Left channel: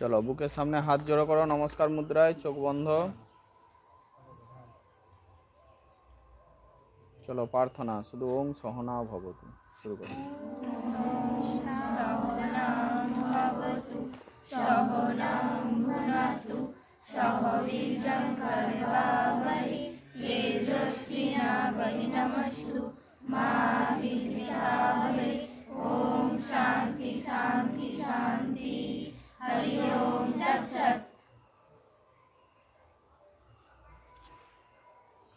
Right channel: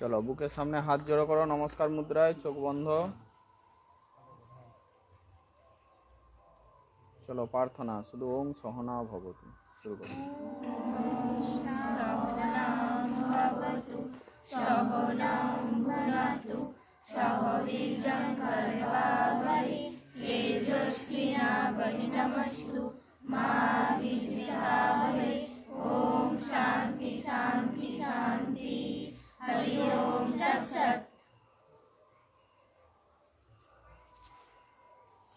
चलो बुकेर सामने हाथ जोड़ो करो, नमस्कार मुद्राय, चोख बंध। चलो प्रार्थना शुद्ध ओम सहना भवतु शुरू करो। सहना भवतु सहना भुनक्तु सह वीर्यं कर्वावहै तेजस्विनावधीतमस्तु मा विद्विषावहै। ओम शांति शांति शांति। हरि ओम तत्सत्।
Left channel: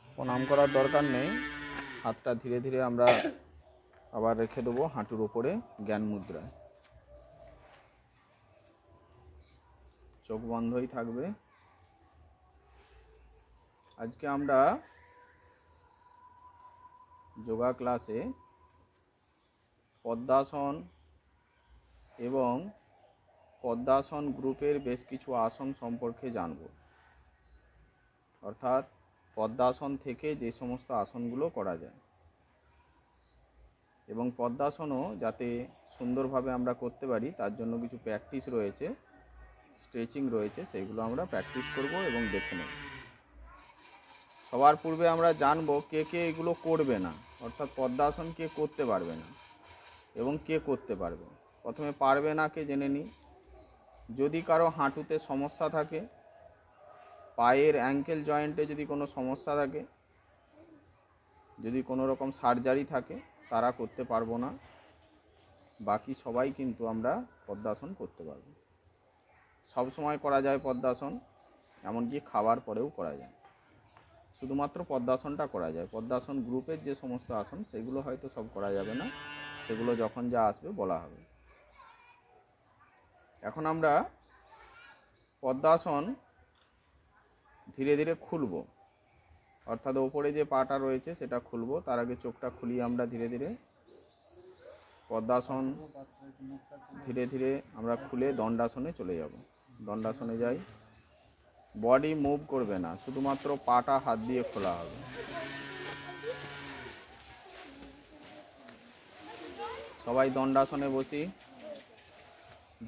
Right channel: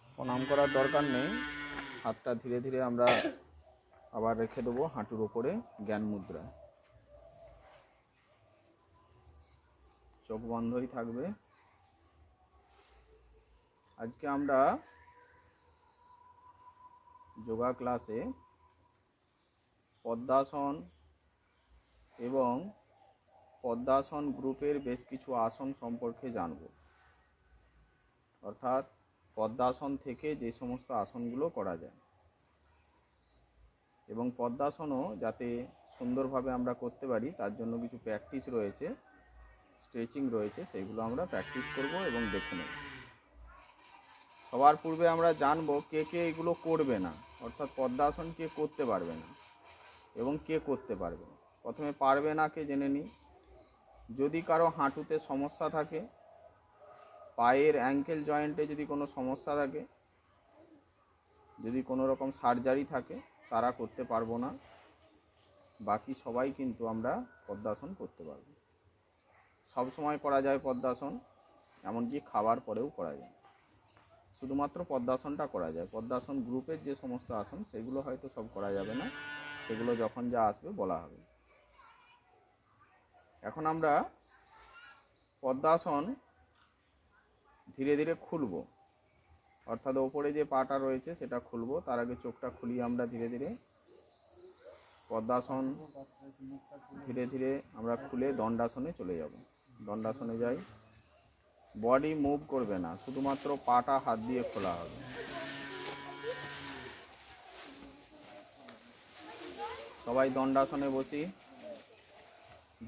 प्रणाम करार दरकार नेই, हाथटा धीरे धीरे আমরা আবার রেখে দেব হাঁটুর উপরে জ্ঞান মুদ্রায়। চোখ বন্ধই থাকবে। আজকে আমরা যোগা ক্লাসে পদ্মাসন এবং পদ্মাসন গ্রুপের বেশ কিছু আসন সম্পর্কে জানব। অর্থাৎ পদ্মাসন থেকে যে সমস্ত আসনগুলো করা যায় এবং পদ্মাসনও যাতে সুন্দরভাবে আমরা করতে পারি তার জন্য কিছু প্র্যাকটিস রয়েছে, স্ট্রেচিং রয়েছে, সেইগুলো আমরা প্র্যাকটিস করব এবং দেখে নেব। সবার পূর্বে আমরা জানব কে কে এগুলো করবে না, অর্থাৎ পদ্মাসন কে করতে পারবে না এবং কে করতে পারবে। প্রথমে পারবে না কে জেনে নিই। যদি কারো হাঁটুতে সমস্যা থাকে, পায়ের অ্যাঙ্কেল জয়েন্টে যদি কোনো সমস্যা থাকে, যদি কোনো রকম সার্জারি থাকে, তারা করতে পারবো না। বাকি সবাই কিন্তু আমরা পদ্মাসন করতে পারবো। সব সময় করা যায় পদ্মাসন, এমনকি খাবার পরেও করা যায়। শুধুমাত্র পদ্মাসনটা করা যায়। পদ্মাসন গ্রুপের যে সমস্ত আসন সেগুলো হয়তো সব করা যাবে না, সেগুলো যখন যা আসবে বলা হবে। এখন আমরা পদ্মাসন ধীরে ধীরে খুলব, অর্থাৎ ওপরে যে পাটা রয়েছে সেটা খুলব। তার আগে চোখটা খুলিয়ে আমরা ধীরে ধীরে পদ্মাসন ধীরে ধীরে আমরা খুলে দণ্ডাসনে চলে যাব। দণ্ডাসনে যাই। বডি মুভ করবে না, শুধুমাত্র পাটা হাত দিয়ে খোলা হবে। সবাই দণ্ডাসনে বসি।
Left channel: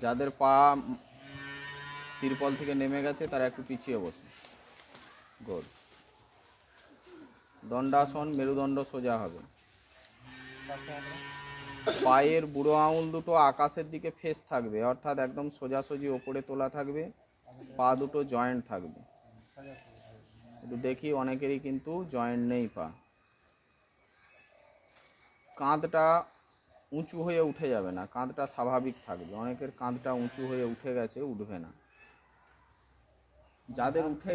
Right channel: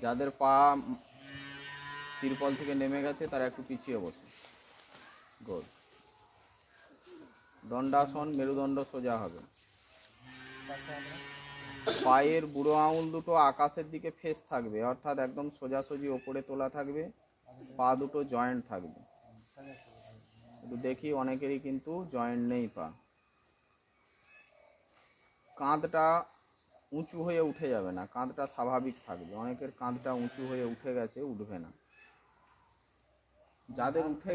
যাদের পা তিরপল থেকে নেমে গেছে তারা একটু পিছিয়ে বসে। গোল। দণ্ডাসন, মেরুদণ্ড সোজা হবে। পায়ের বুড়ো আঙুল দুটো আকাশের দিকে ফেস থাকবে, অর্থাৎ একদম সোজাসুজি ওপরে তোলা থাকবে। পা দুটো জয়েন্ট থাকবে। কিন্তু দেখি অনেকেরই কিন্তু জয়েন্ট নেই পা। কাঁধটা উঁচু হয়ে উঠে যাবে না, কাঁধটা স্বাভাবিক থাকবে। অনেকের কাঁধটা উঁচু হয়ে উঠে গেছে, উঠবে না। যাদের উঠে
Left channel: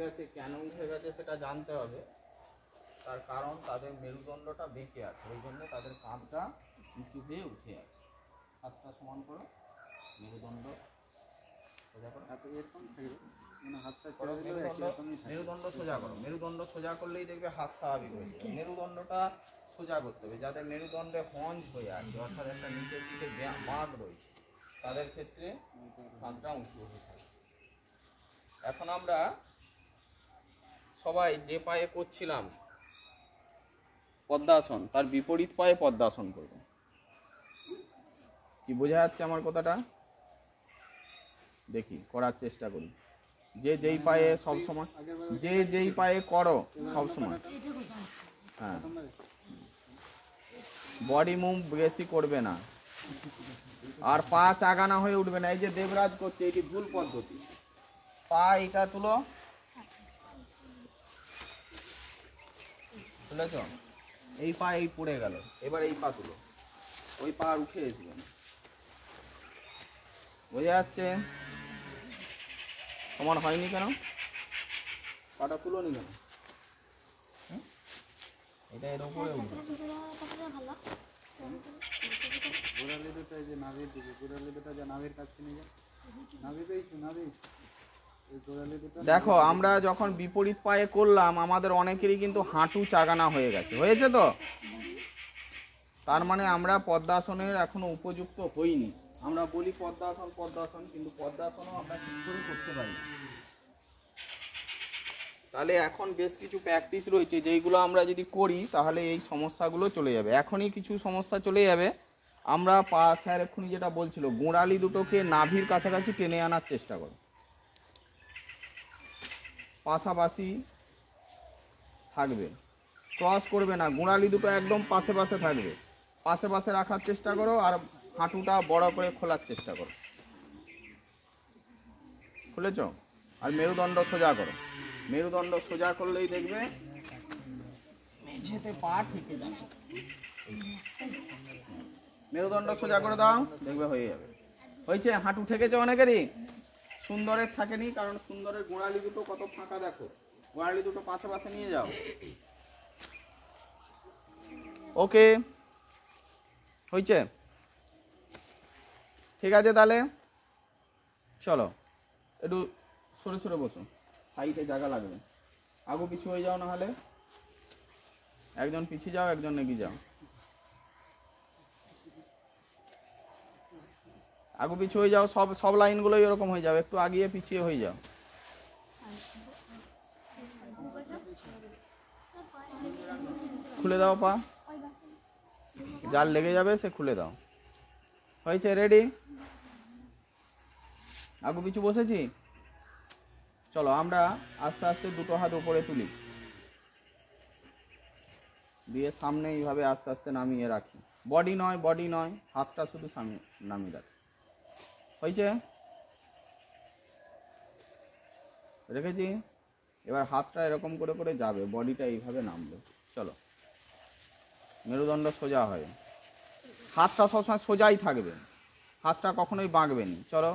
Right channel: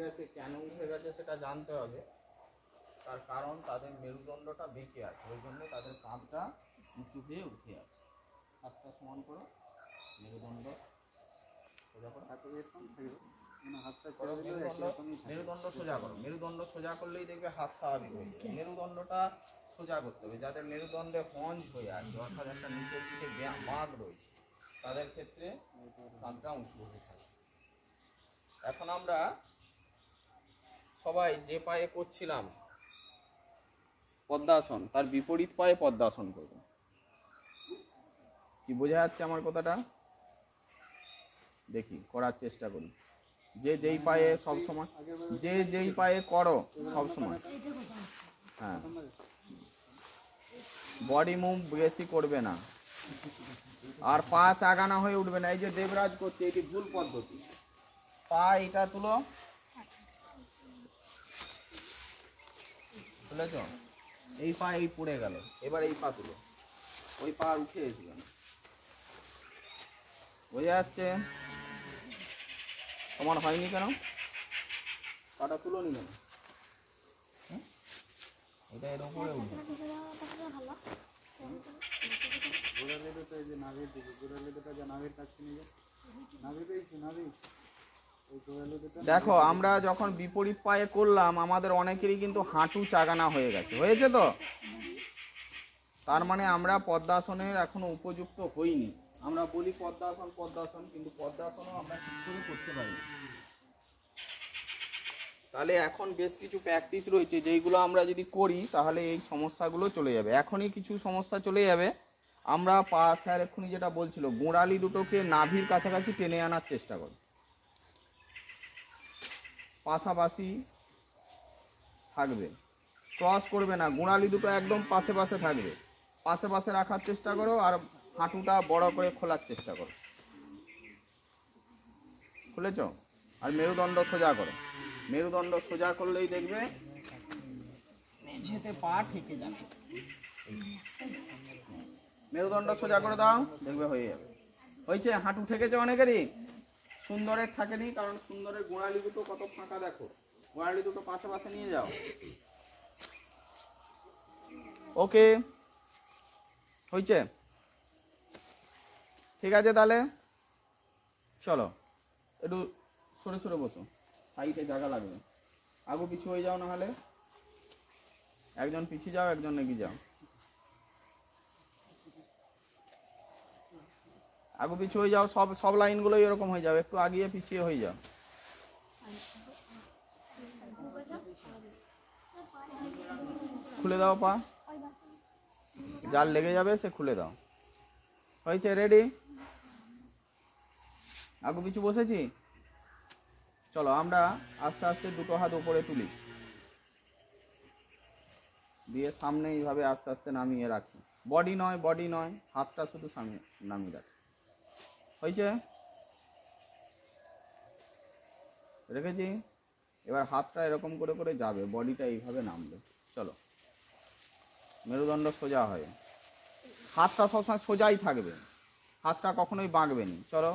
গেছে কেন উঠে গেছে সেটা জানতে হবে। তার কারণ তাদের মেরুদণ্ডটা বেঁকে আছে, ওই জন্য তাদের কাঁধটা উঁচু হয়ে উঠে আছে। হাতটা সমান করো, মেরুদণ্ড সোজা করো, মেরুদণ্ড সোজা করো। মেরুদণ্ড সোজা করলেই দেখবে হাত স্বাভাবিক হয়ে যাবে। মেরুদণ্ডটা সোজা করতে হবে। যাদের মেরুদণ্ডে হঞ্জ হয়ে আছে, অর্থাৎ একটা নিচের দিকে বাঁক রয়েছে, তাদের ক্ষেত্রে কাঁধটা উঁচু হয়ে থাকে। এখন আমরা সবাই যে পায়ে করছিলাম পদ্মাসন, তার বিপরীত পায়ে পদ্মাসন করব। কি বোঝা যাচ্ছে আমার কথাটা? দেখি করার চেষ্টা করি। যে যেই পায়ে সব সময়, যে যেই পায়ে করো সব সময়, হ্যাঁ, বডি মুভ বেশি করবে না, আর পা চাগানা হয়ে উঠবে না। এই যে দেবরাজ করছে, এটি ভুল পদ্ধতি। পা এটা তুলো, তুলেছ? এই পা এই পড়ে গেল, এবার এই পা তুলো। ওই পা উঠে এসবে না। বোঝা যাচ্ছে? সমান হয়নি কেন? পাটা তুলো নি কেন? এটা এর উপরে উঠবে। দেখো আমরা যখন বিপরীত পায়ে করলাম আমাদের অনেকেরই কিন্তু হাঁটু চাগানা হয়ে গেছে, হয়েছে তো? তার মানে আমরা পদ্মাসনের এখনো উপযুক্ত হইনি। আমরা বলি পদ্মাসন পদ্মাসন, কিন্তু পদ্মাসনও আমরা ঠিক করে করতে পারি। তাহলে এখন বেশ কিছু প্র্যাকটিস রয়েছে যেইগুলো আমরা যদি করি তাহলে এই সমস্যাগুলো চলে যাবে। এখনই কিছু সমস্যা চলে যাবে, আমরা পা স্যার এক্ষুনি যেটা বলছিল, গোড়ালি দুটোকে নাভির কাছাকাছি টেনে আনার চেষ্টা করো, পাশাপাশি থাকবে, ক্রস করবে না, গোড়ালি দুটো একদম পাশে পাশে থাকবে, পাশে পাশে রাখার চেষ্টা করো, আর হাঁটুটা বড় করে খোলার চেষ্টা করো। খুলেছ? আর মেরুদণ্ড সোজা করো, মেরুদণ্ড সোজা করলেই দেখবে মেঝেতে পা ঠেকে যাবে। মেরুদণ্ড সোজা করে দাও, দেখবে হয়ে যাবে। হয়েছে? হাঁটু ঠেকেছে অনেকেরই, সুন্দরের থাকেনি, কারণ সুন্দরের গোড়ালি দুটো কত ফাঁকা দেখো, গোড়ালি দুটো পাশে পাশে নিয়ে যাও। ওকে, হয়েছে? ঠিক আছে, তাহলে চলো একটু সরে সরে বসো, সাইডে জায়গা লাগবে। আগু পিছু হয়ে যাও, না হলে একজন পিছিয়ে যাও, একজন এগিয়ে যাও। আগু পিছু হয়ে যাও, সব সব লাইনগুলোই এরকম হয়ে যাবে, একটু আগিয়ে পিছিয়ে হয়ে যাও। খুলে দাও পা, যার লেগে যাবে সে খুলে দাও। হয়েছে? রেডি? আগু পিছু বসেছি? চলো আমরা আস্তে আস্তে দুটো হাত উপরে তুলি, দিয়ে সামনে এইভাবে আস্তে আস্তে নামিয়ে রাখি। বডি নয়, বডি নয়, হাতটা শুধু সামনে নামিয়ে রাখি। হয়েছে? রেখেছি। এবার হাতটা এরকম করে করে যাবে, বডিটা এইভাবে নামবে। চলো, মেরুদণ্ড সোজা হয়, হাতটা সবসময় সোজাই থাকবে, হাতটা কখনোই বাঁকবে না। চলো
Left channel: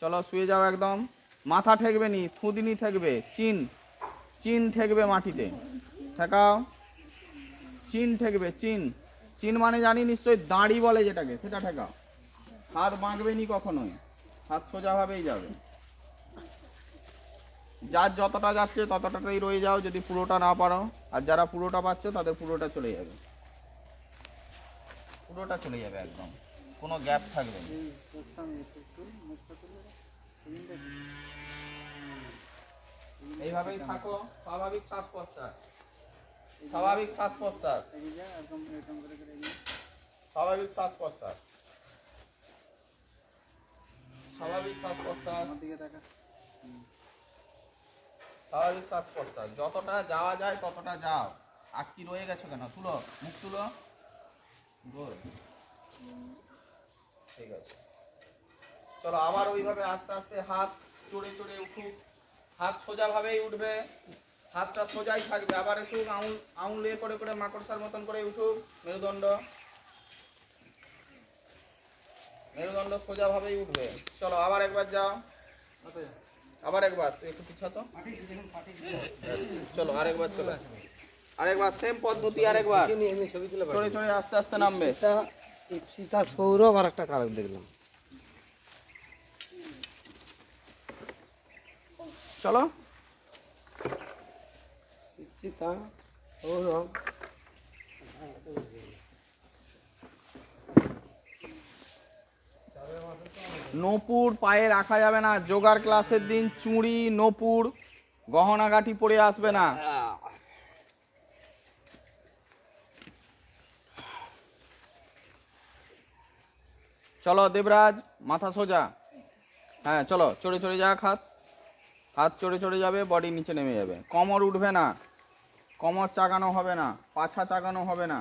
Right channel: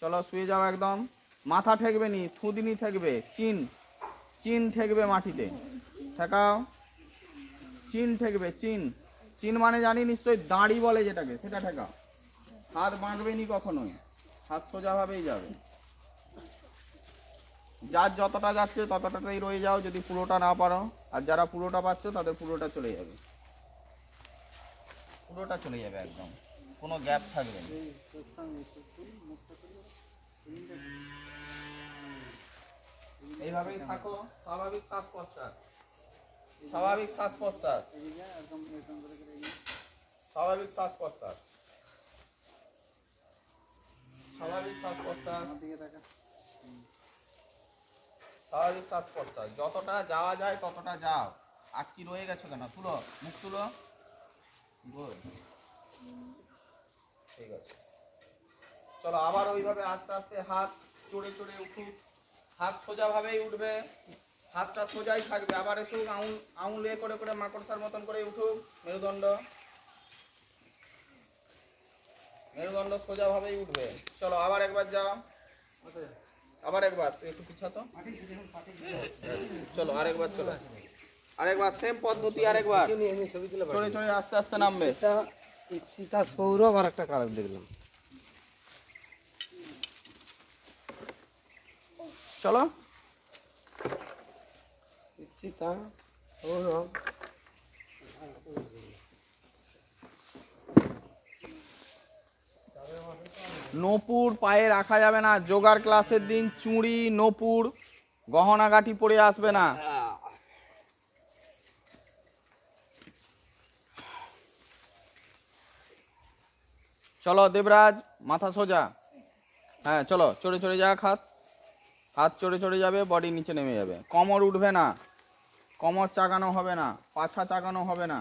চলো, শুয়ে যাও একদম, মাথা ঠেকবে নি, থুতনি ঠেকবে, চিন চিন ঠেকবে মাটিতে, ঠেকাও, চিন ঠেকবে, চিন, চিন মানে জানি নিশ্চয়ই দাঁড়ি বলে যেটাকে, সেটা ঠেকাও। হাত বাঁকবে নি কখনোই, হাত সোজাভাবেই যাবে। যার যতটা যাচ্ছে ততটাতেই রয়ে যাও যদি পুরোটা না পারো, আর যারা পুরোটা পাচ্ছ তাদের পুরোটা চলে যাবে, পুরোটা চলে যাবে, একদম কোনো গ্যাপ থাকবে না। এইভাবেই থাকো, স্বাভাবিক শ্বাস প্রশ্বাস, স্বাভাবিক শ্বাস প্রশ্বাস, স্বাভাবিক শ্বাস প্রশ্বাস, স্বাভাবিক শ্বাস প্রশ্বাস, স্বাভাবিক শ্বাস প্রশ্বাস, যতটা যাওয়া যায় ততটা যাও। আটকি রয়ে গেছো কেন? তুলো, মুখ তুলো। গুড, ঠিক আছে। চলো আবার ওইভাবে আস্তে আস্তে হাত চড়ে চড়ে উঠুক, হাত সোজাভাবেই উঠবে, হাতটা সোজাই থাকবে। আবার এসুক, আঙুল আঙুল এ করে করে মাকড়সার মতন করে উঠুক, মেরুদণ্ড, মেরুদণ্ড সোজাভাবেই উঠবে। চলো আবার একবার যাও, আবার একবার, একটু পিছাতো। চলো আরেকবার, চলো আরেকবার, সেম পদ্ধতি আরেকবার, চড়ে চড়ে আস্তে আস্তে নামবে। সীতা সৌরভ আর একটা কারণ দেখলাম। চলো, সীতা সৌরভ, নূপুর পায়ে রাখা যাবে না, যোগার ক্লাসের দিন চুড়ি নূপুর গহনাগাটি পরে আসবে না। চলো দেবরাজ, মাথা সোজা, হ্যাঁ চলো, চড়ে চড়ে যাক, হাত হাত চড়ে চড়ে যাবে, বডি নিচে নেমে যাবে, কোমর উঠবে না, কোমর চাগানো হবে না, পাছা চাগানো হবে না।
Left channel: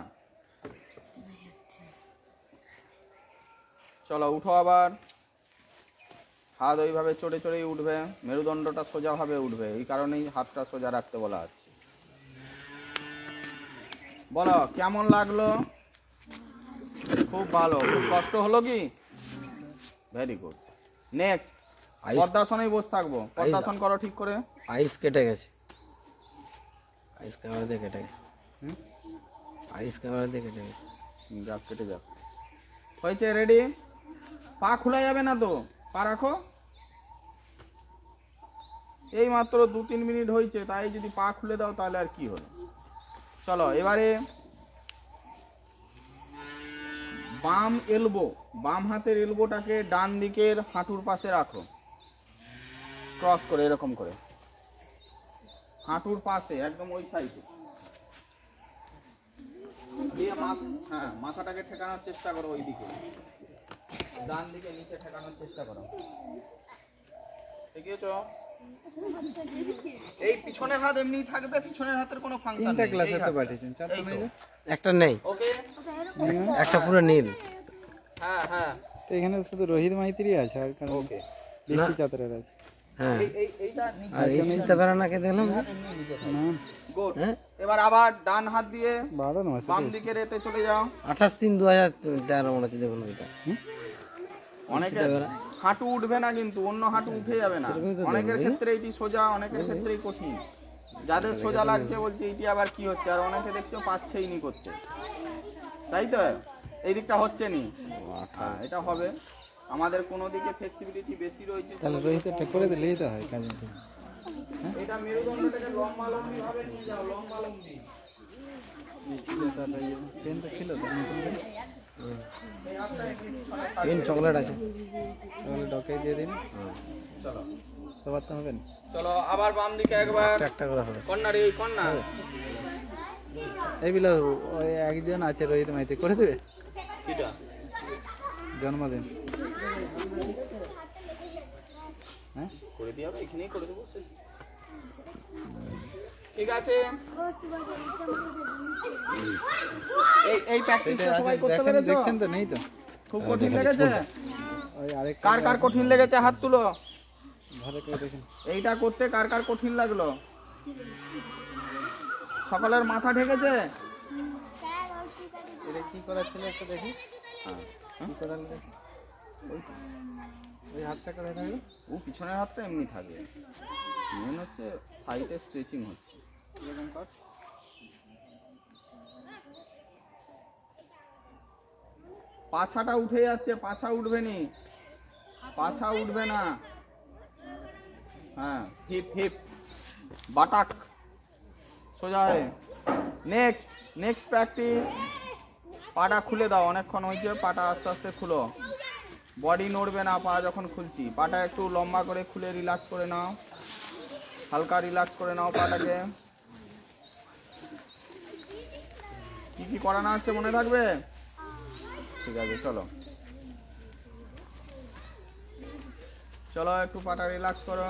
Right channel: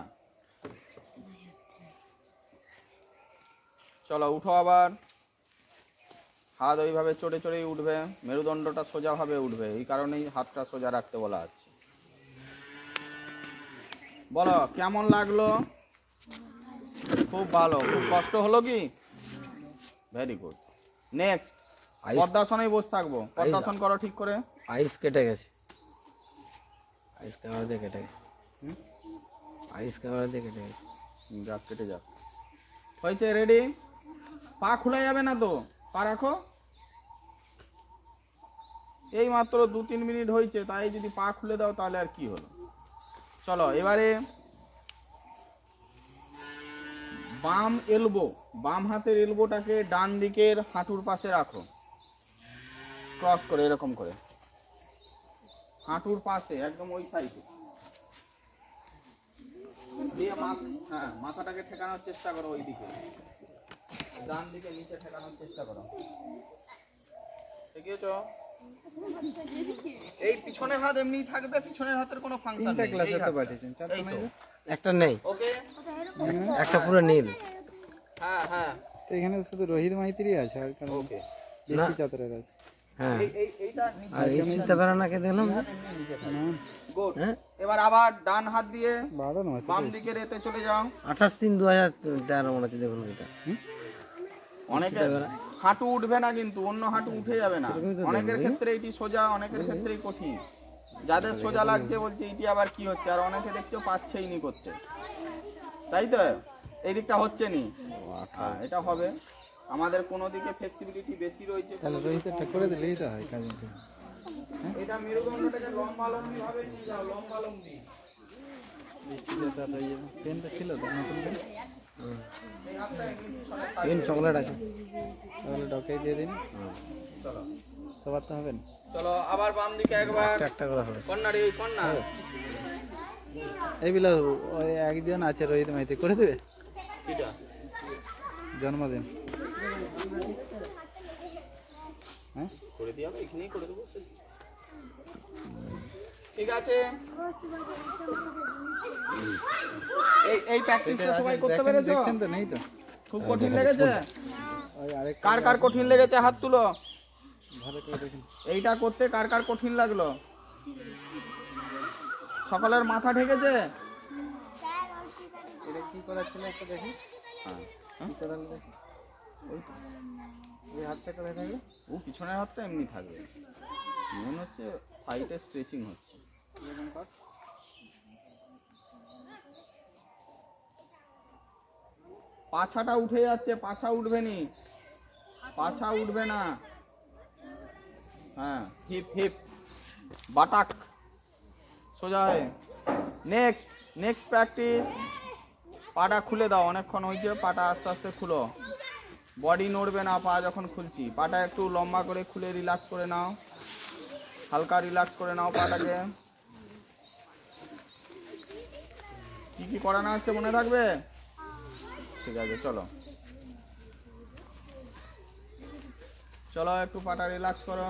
চলো উঠো আবার, হাত ওইভাবে চড়ে চড়েই উঠবে, মেরুদণ্ডটা সোজাভাবে উঠবে, এই কারণেই হাতটা সোজা রাখতে বলা হচ্ছে। বলো কেমন লাগলো? খুব ভালো। খুব কষ্ট হলো কি? Very good. নেক্সট পদ্মাসনেই বসে থাকবো। পদ্মাসন করো ঠিক করে। আইস কেটে গেছে, আইস ক্যামেরা দিয়ে কেটে গেছে, আইস ক্যামেরা দিয়ে কেটে গেছে, গাছ কেটে যাও। হয়েছে? রেডি? পা খোলা যাবে না তো, পা রাখো। এই মাত্র 2-3 মিনিট হয়েছে, তাই যদি পা খুলে দাও তাহলে আর কি হলো। চলো এবারে বাম এলবো, বাম হাতের এলবোটাকে ডান দিকের হাঁটুর পাশে রাখো, ক্রস করে এরকম করে, হাঁটুর পাশে একদম ওই সাইডে। দিয়ে হ্যাঁ মাথাটাকে ঠেকানোর চেষ্টা করো ওই দিকে, ডান দিকে নিচে ঠেকানোর চেষ্টা করো। দেখিয়েছো? এই পিছনের হাত এমনি থাকবে, পিছনের হাতের কোনো ফাংশন নেই। এই তো একটা নেই, ওকে, একটা পুরো নীল। হ্যাঁ হ্যাঁ তো এখানে শুধু রোহিত মাইতিরই আছে আর কারণ ওকে। বৃষ্টি চাতরের আছে। হ্যাঁ, এইটা নিচে আর এই চিন্তাধারণাকে দেখলাম না? গুড। হ্যাঁ, এবার আবার ডান হাত দিয়ে 12 মাসে বাম দিকে রেতে চলে যাও। 28/3/2013 মনে হচ্ছে, দেখুন ওইটা। অনেকে হাঁটু উঠবে না কিন্তু, অন্য হাঁটু উঠে যাবে না। অনেকের ক্ষেত্রে এটি সোজা, অনেকের ক্ষেত্রে কঠিন। যাদের সোজা লাগছে বলছে এটি আবার কি হচ্ছে, আর অনেকে দেখছো পাচ্ছেই নি করতে, তাই তো? এই দিকটা হচ্ছে নি, এটা হবে। আমাদের কোনো দিকে ফ্লেক্সিবিলিটি বেশি রয়েছে, তাহলে রোহিতটা করে দিলেই তো হয় কাজ। এটা মেরুদণ্ডটাকে লম্বালম্বি ভাবে নিয়ে যাও, লম্বালম্বি। ট্রেনটা ছিল তো নতুন করে, এই হাতটা এমনি পিছনে পেন চকলেট আছে। তাহলে ডকে দিয়ে দিন। চলো সবার তো হবে না। চলো আবার বাম দিকে একবার একটা করে হবে। কর্নারে, ওই কর্নার। এইগুলো ওই একজন আছে রোহিত মাইতি, করে দেবে এটা জন্মদিন। হ্যাঁ করে দিয়ে হবে, এখানেই করে দেবো, শেষ। ঠিক আছে, এই প্র্যাকটিসটা সবাই করতে পেরেছো? দেখছেন তো? নেই তো, খুব কঠিন লেগেছে? ওই আরেক কার কার কঠিন লেগেছে হাত তুলো। ভালো করে দেখুন। এইটা করতে কার কার কঠিন লাগলো? সকালের মাথা ঢেকেছে? এটা কি করা ছিল একটা দেখি। কি করা দেখি, ওই হাতটা করে থাকবে। ও পিছনের হাতটা এমনি থাকবে, মেন হচ্ছে সাইডে স্ট্রেচিং হচ্ছে। পাছাটা উঠে যাচ্ছে, পাছা উঠবে নি, পাছা উঠবে না। হ্যাঁ, হিপ হিপ বাটাক সোজা হয়। নেক্সট প্র্যাকটিস, পাটা খুলে দাও। অনেকক্ষণ হয়েছে, পাটা আস্তে আস্তে খুলো। বডি নড়বে না পা যখন খুলছি। পাটা একটু লম্বা করে খুলে রিল্যাক্স করে নাও, হালকা রিল্যাক্স করে নাও পাটাকে। কি কি করানো হচ্ছে মনে থাকবে? ঠিক আছে, চলো চলো একটু পাটা রিল্যাক্স করো।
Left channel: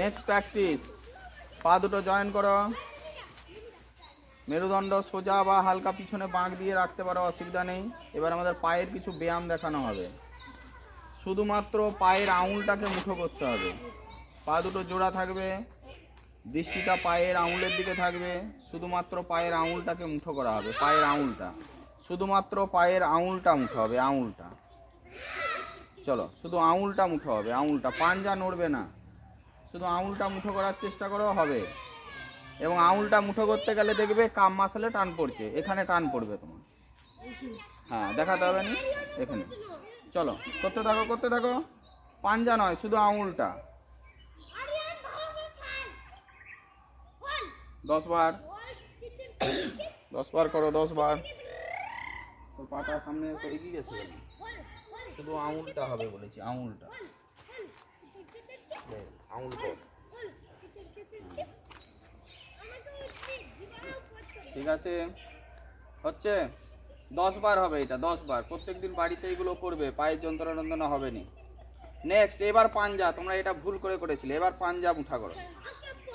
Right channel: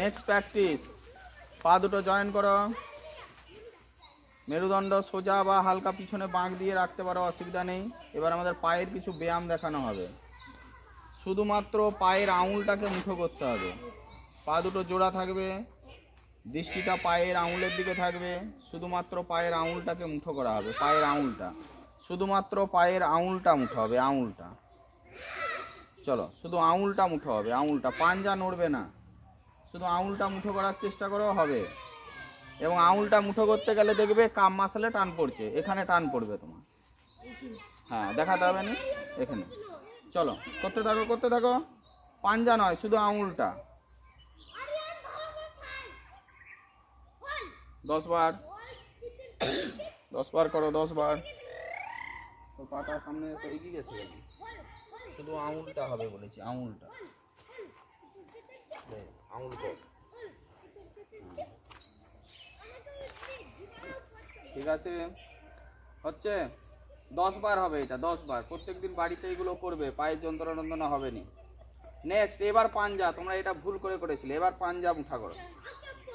নেক্সট প্র্যাকটিস, পা দুটো জয়েন করো। মেরুদণ্ড সোজা বা হালকা পিছনে বাঁক দিয়ে রাখতে পারো, অসুবিধা নেই। এবার আমাদের পায়ের কিছু ব্যায়াম দেখানো হবে। শুধুমাত্র পায়ের আঙুলটাকে মুঠো করতে হবে। পা দুটো জোড়া থাকবে, দৃষ্টিটা পায়ের আঙুলের দিকে থাকবে। শুধুমাত্র পায়ের আঙুলটাকে মুঠো করা হবে। পায়ের আঙুলটা, শুধুমাত্র পায়ের আঙুলটা মুঠো হবে, আঙুলটা। চলো, শুধু আঙুলটা মুঠো হবে, আঙুলটা। পাঞ্জা নড়বে না, শুধু আঙুলটা মুঠো করার চেষ্টা করো, হবে। এবং আঙুলটা মুঠো করতে গেলে দেখবে কাম মাসলে টান পড়ছে, এখানে টান পড়বে তোমার। হ্যাঁ, দেখাতে হবে না এখানে। চলো করতে থাকো, করতে থাকো। পাঞ্জা নয়, শুধু আঙুলটা। 10 বার, 10 বার করো, 10 বার। তো পাটা সামনে এগিয়ে গেছে, শুধু আঙুলটা হবে বলেছি, আঙুলটা। আঙুল কর, ঠিক আছে? হচ্ছে 10 বার হবে এটা, 10 বার। প্রত্যেকদিন বাড়িতে এগুলো করবে, পায়ের যন্ত্রণা হবে না। নেক্সট, এবার পাঞ্জা। তোমরা এটা ভুল করে করেছিলে। এবার পাঞ্জা মুঠা করো,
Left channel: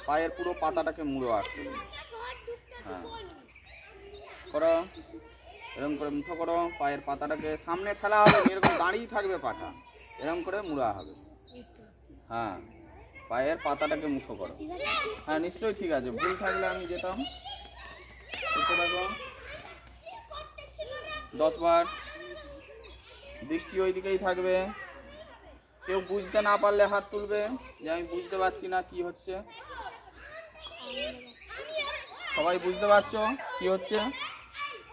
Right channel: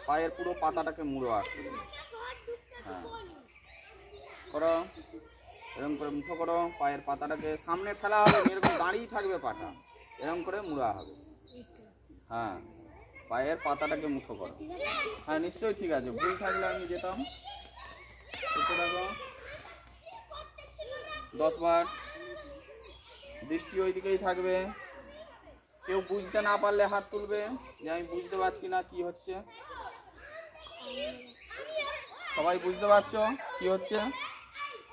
পায়ের পুরো পাতাটাকে মুড়ো আসবে। হ্যাঁ, করো, এরকম করে মুঠো করো। পায়ের পাতাটাকে সামনে ঠেলা হবে, এরকম দাঁড়িয়ে থাকবে পাটা, এরকম করে মুড়া হবে। হ্যাঁ, পায়ের পাতাটাকে মুঠো করো। হ্যাঁ, নিশ্চয়ই ঠিক আছে। ভুল থাকলে আমি যেতাম। করতে থাকো 10 বার। দৃষ্টি ওই দিকেই থাকবে। কেউ বুঝতে না পারলে হাত তুলবে যে আমি বুঝতে পারছি না কি হচ্ছে। সবাই বুঝতে পারছো কি হচ্ছে?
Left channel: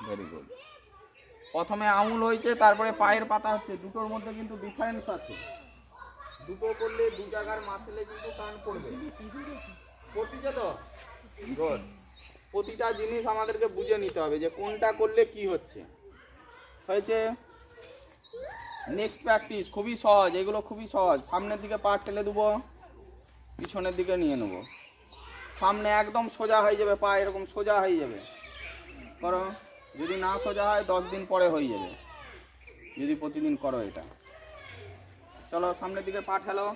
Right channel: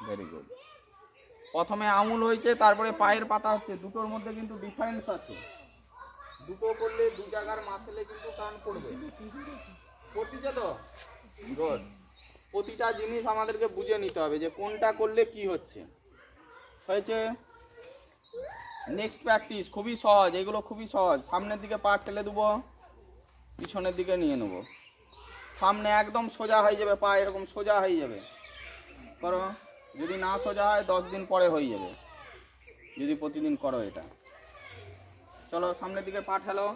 Very good. প্রথমে আঙুল হয়েছে, তারপরে পায়ের পাতা হচ্ছে। দুটোর মধ্যে কিন্তু ডিফারেন্স আছে। দুটো করলে দু জায়গার মাসলে কিন্তু টান পড়বে। পড়তিছে তো? গুড। প্রতিটা জিনিস আমাদেরকে বুঝে নিতে হবে যে কোনটা করলে কি হচ্ছে। হয়েছে? নেক্সট প্র্যাকটিস খুবই সহজ, এগুলো খুবই সহজ। সামনের দিকে পা ঠেলে দেবো, পিছনের দিকে নিয়ে নেব, সামনে একদম সোজা হয়ে যাবে, পা এরকম সোজা হয়ে যাবে। করো, যদি না সোজা হয় 10 দিন পরে হয়ে যাবে, যদি প্রতিদিন করো এটা। চলো সামনের দিকে পা ঠেলো,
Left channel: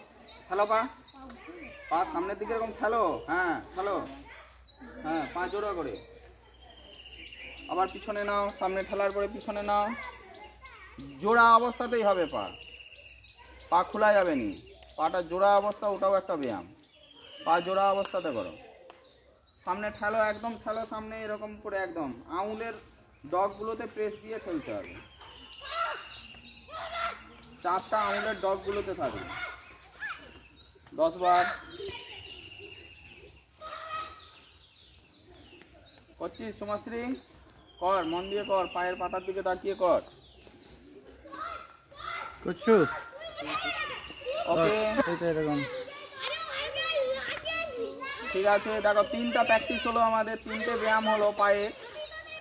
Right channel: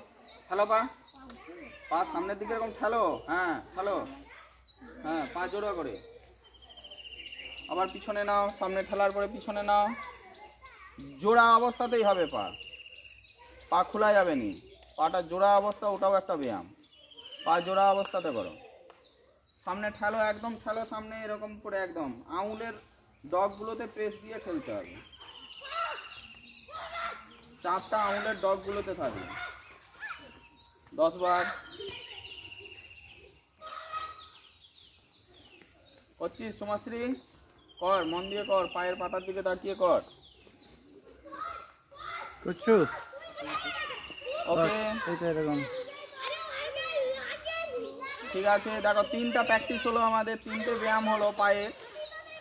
ঠেলো পা, পা সামনের দিকে এরকম ঠেলো, হ্যাঁ ঠেলো, হ্যাঁ পা জোড়া করে। আবার পিছনে নাও, সামনে ঠেলার পরে পিছনে নাও, জোড়া অবস্থাতেই হবে পা, পা খোলা যাবে নি, পাটা জোড়া অবস্থা, ওটাও একটা ব্যায়াম। পা জোড়া অবস্থাতে করো, সামনে ঠেলো, একদম ঠেলো সামনে এরকম করে, একদম আঙুলের ডগগুলোতে প্রেস দিয়ে ঠেলতে হবে, চাপটা আঙুলের ডগগুলোতে থাকে। 10 বার করছিস সোমাশ্রী, কর, মন দিয়ে কর, পায়ের পাতার দিকে তাকিয়ে কর। করছো ওকে, এই তো এরকম। ঠিক আছে, দেখো 3টা প্র্যাকটিস হলো আমাদের, 3টে ব্যায়াম হলো পায়ে,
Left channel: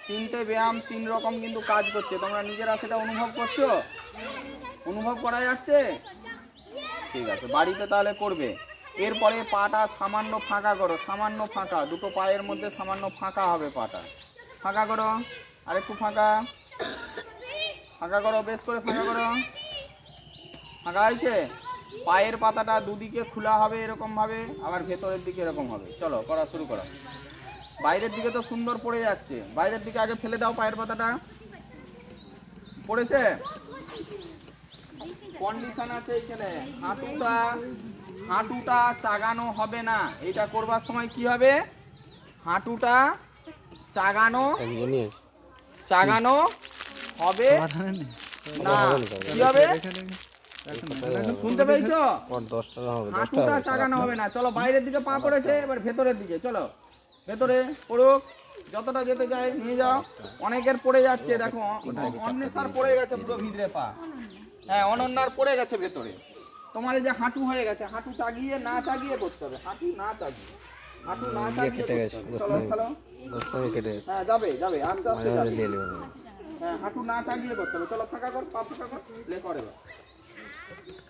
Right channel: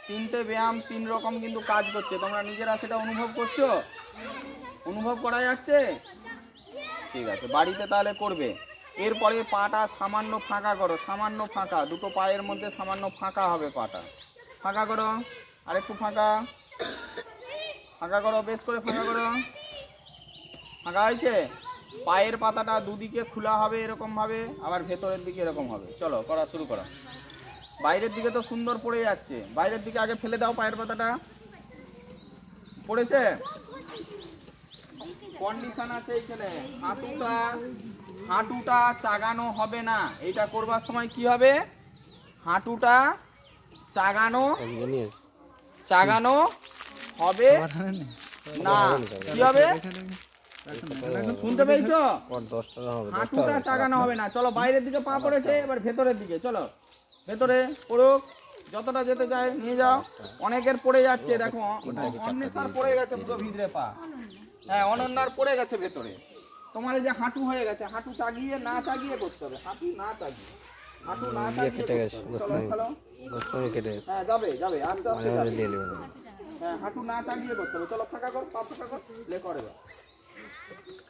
3টে ব্যায়াম 3 রকম কিন্তু কাজ করছে। তোমরা নিজেরা সেটা অনুভব করছো? অনুভব করা যাচ্ছে? ঠিক আছে, বাড়িতে তাহলে করবে। এরপরে পাটা সামান্য ফাঁকা করো, সামান্য ফাঁকা, দুটো পায়ের মধ্যে সামান্য ফাঁকা হবে, পাটা ফাঁকা করো, আরেকটু ফাঁকা, ফাঁকা করো, বেশ করে ফাঁকা করো, ফাঁকা হয়েছে। পায়ের পাতাটা দুদিকে খোলা হবে এরকমভাবে, আবার ভেতরের দিকে এরকম হবে। চলো করা শুরু করা। বাইরের দিকে তো সুন্দর পড়ে যাচ্ছে, বাইরের দিকে আগে ফেলে দাও, পায়ের পাতাটা পড়েছে, কন্ডিশন আছে এইখানে। হাঁটুটা চাগানো হবে না, এটা করবার সময় কি হবে, হাঁটুটা চাগানো হবে না, কি হবে শুনতে পেয়েছো? হাঁটুটা চাগানো হবে না। চলো বাইরের দিকে পা পড়েছে, এবার ভেতরের দিকে চলো, ভেতরে পড়ুক, যতটা যেতে চায় নিয়ে যাও। অনেকের পড়ে যাচ্ছে, দেখো অন্বেষার পড়ে গেছে পুরো ভিতরে পা, হ্যাঁ অনন্যার পড়ে গেছে ভেতরে। তোমার এই যে হাঁটু হয়ে গেছে, হাঁটু চাগিয়ে না চাগিয়ে করতে হবে, হাঁটু না চাগিয়ে করতে হবে। চলো চলো, হ্যাঁ যাবে যাবে, আস্তে আস্তে যাবে, হ্যাঁ হাঁটু না চাগিয়ে করতে হবে। চলো ফাঁকা কর, পা ফাঁকা কর, লে করে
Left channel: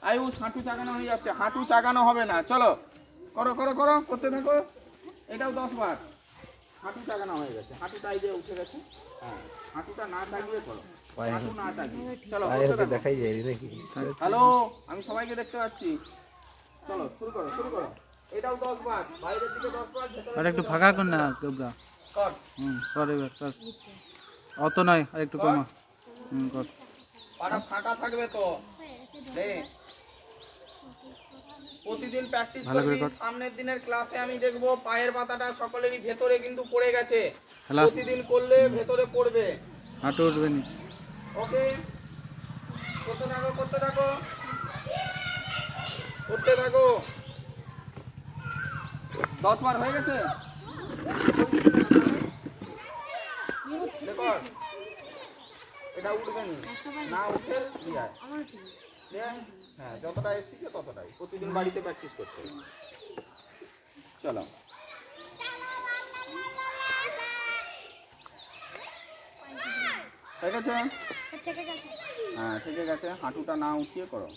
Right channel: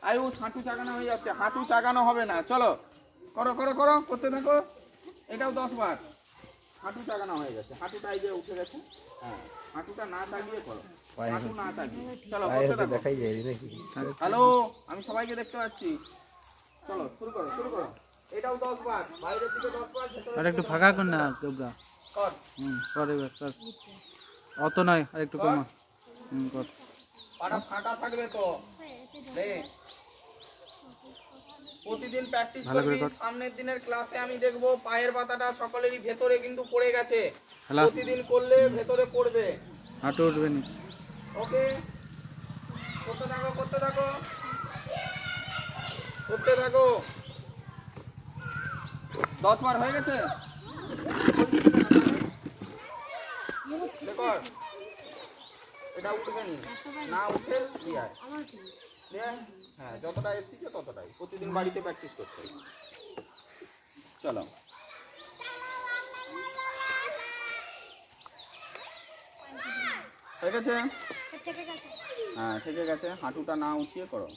আয়ুষ, হাঁটু চাগানো হয়ে যাচ্ছে, হাঁটু চাগানো হবে না। চলো করো করো করো, করতে থাকো, এটাও 10 বার। হাঁটু চাগানো হয়ে গেছে, হাঁটুটা এই যে উঠে গেছে, হ্যাঁ হাঁটুটা না চাগিয়ে চলো, হাঁটু না চাগিয়ে চলো, দেখাই যায় নাকি? হ্যালো, আমি সবাইকে দেখতে পাচ্ছি। চলো শুরু করো শুরু করো, এটাও 10 বার, বাইরের দিকে 10 বার, ভেতরে আর একটু ফাঁকা কর না গবগা। কর, কর এবার কর, অত নয়, আর একটু কমা। কর, পাটা ফাঁকা থাকবে তো, লে প্রতিদিন প্র্যাকটিস করবি। সামনের দিনের ক্লাসে আমি দেখবো পায়ের পাতাটা সকলেরই ভেতরে কিন্তু পড়ে গেছে, প্রতিদিন করলে ভেতরে পড়বে, হাঁটু উঠবে নি। ওকে, করতে থাকো করতে থাকো করতে থাকো। 10 বার হয়ে গেছে, দেখো এটা উঠবে না, উঠে হ্যাঁ যতটা এসেছে ততটাই, প্রতিদিন বাড়িতে প্র্যাকটিস করতে হবে। চলো ঠিক আছে, হ্যাঁ ঠিক আছে, হাঁটুটা না উঠিয়ে করো।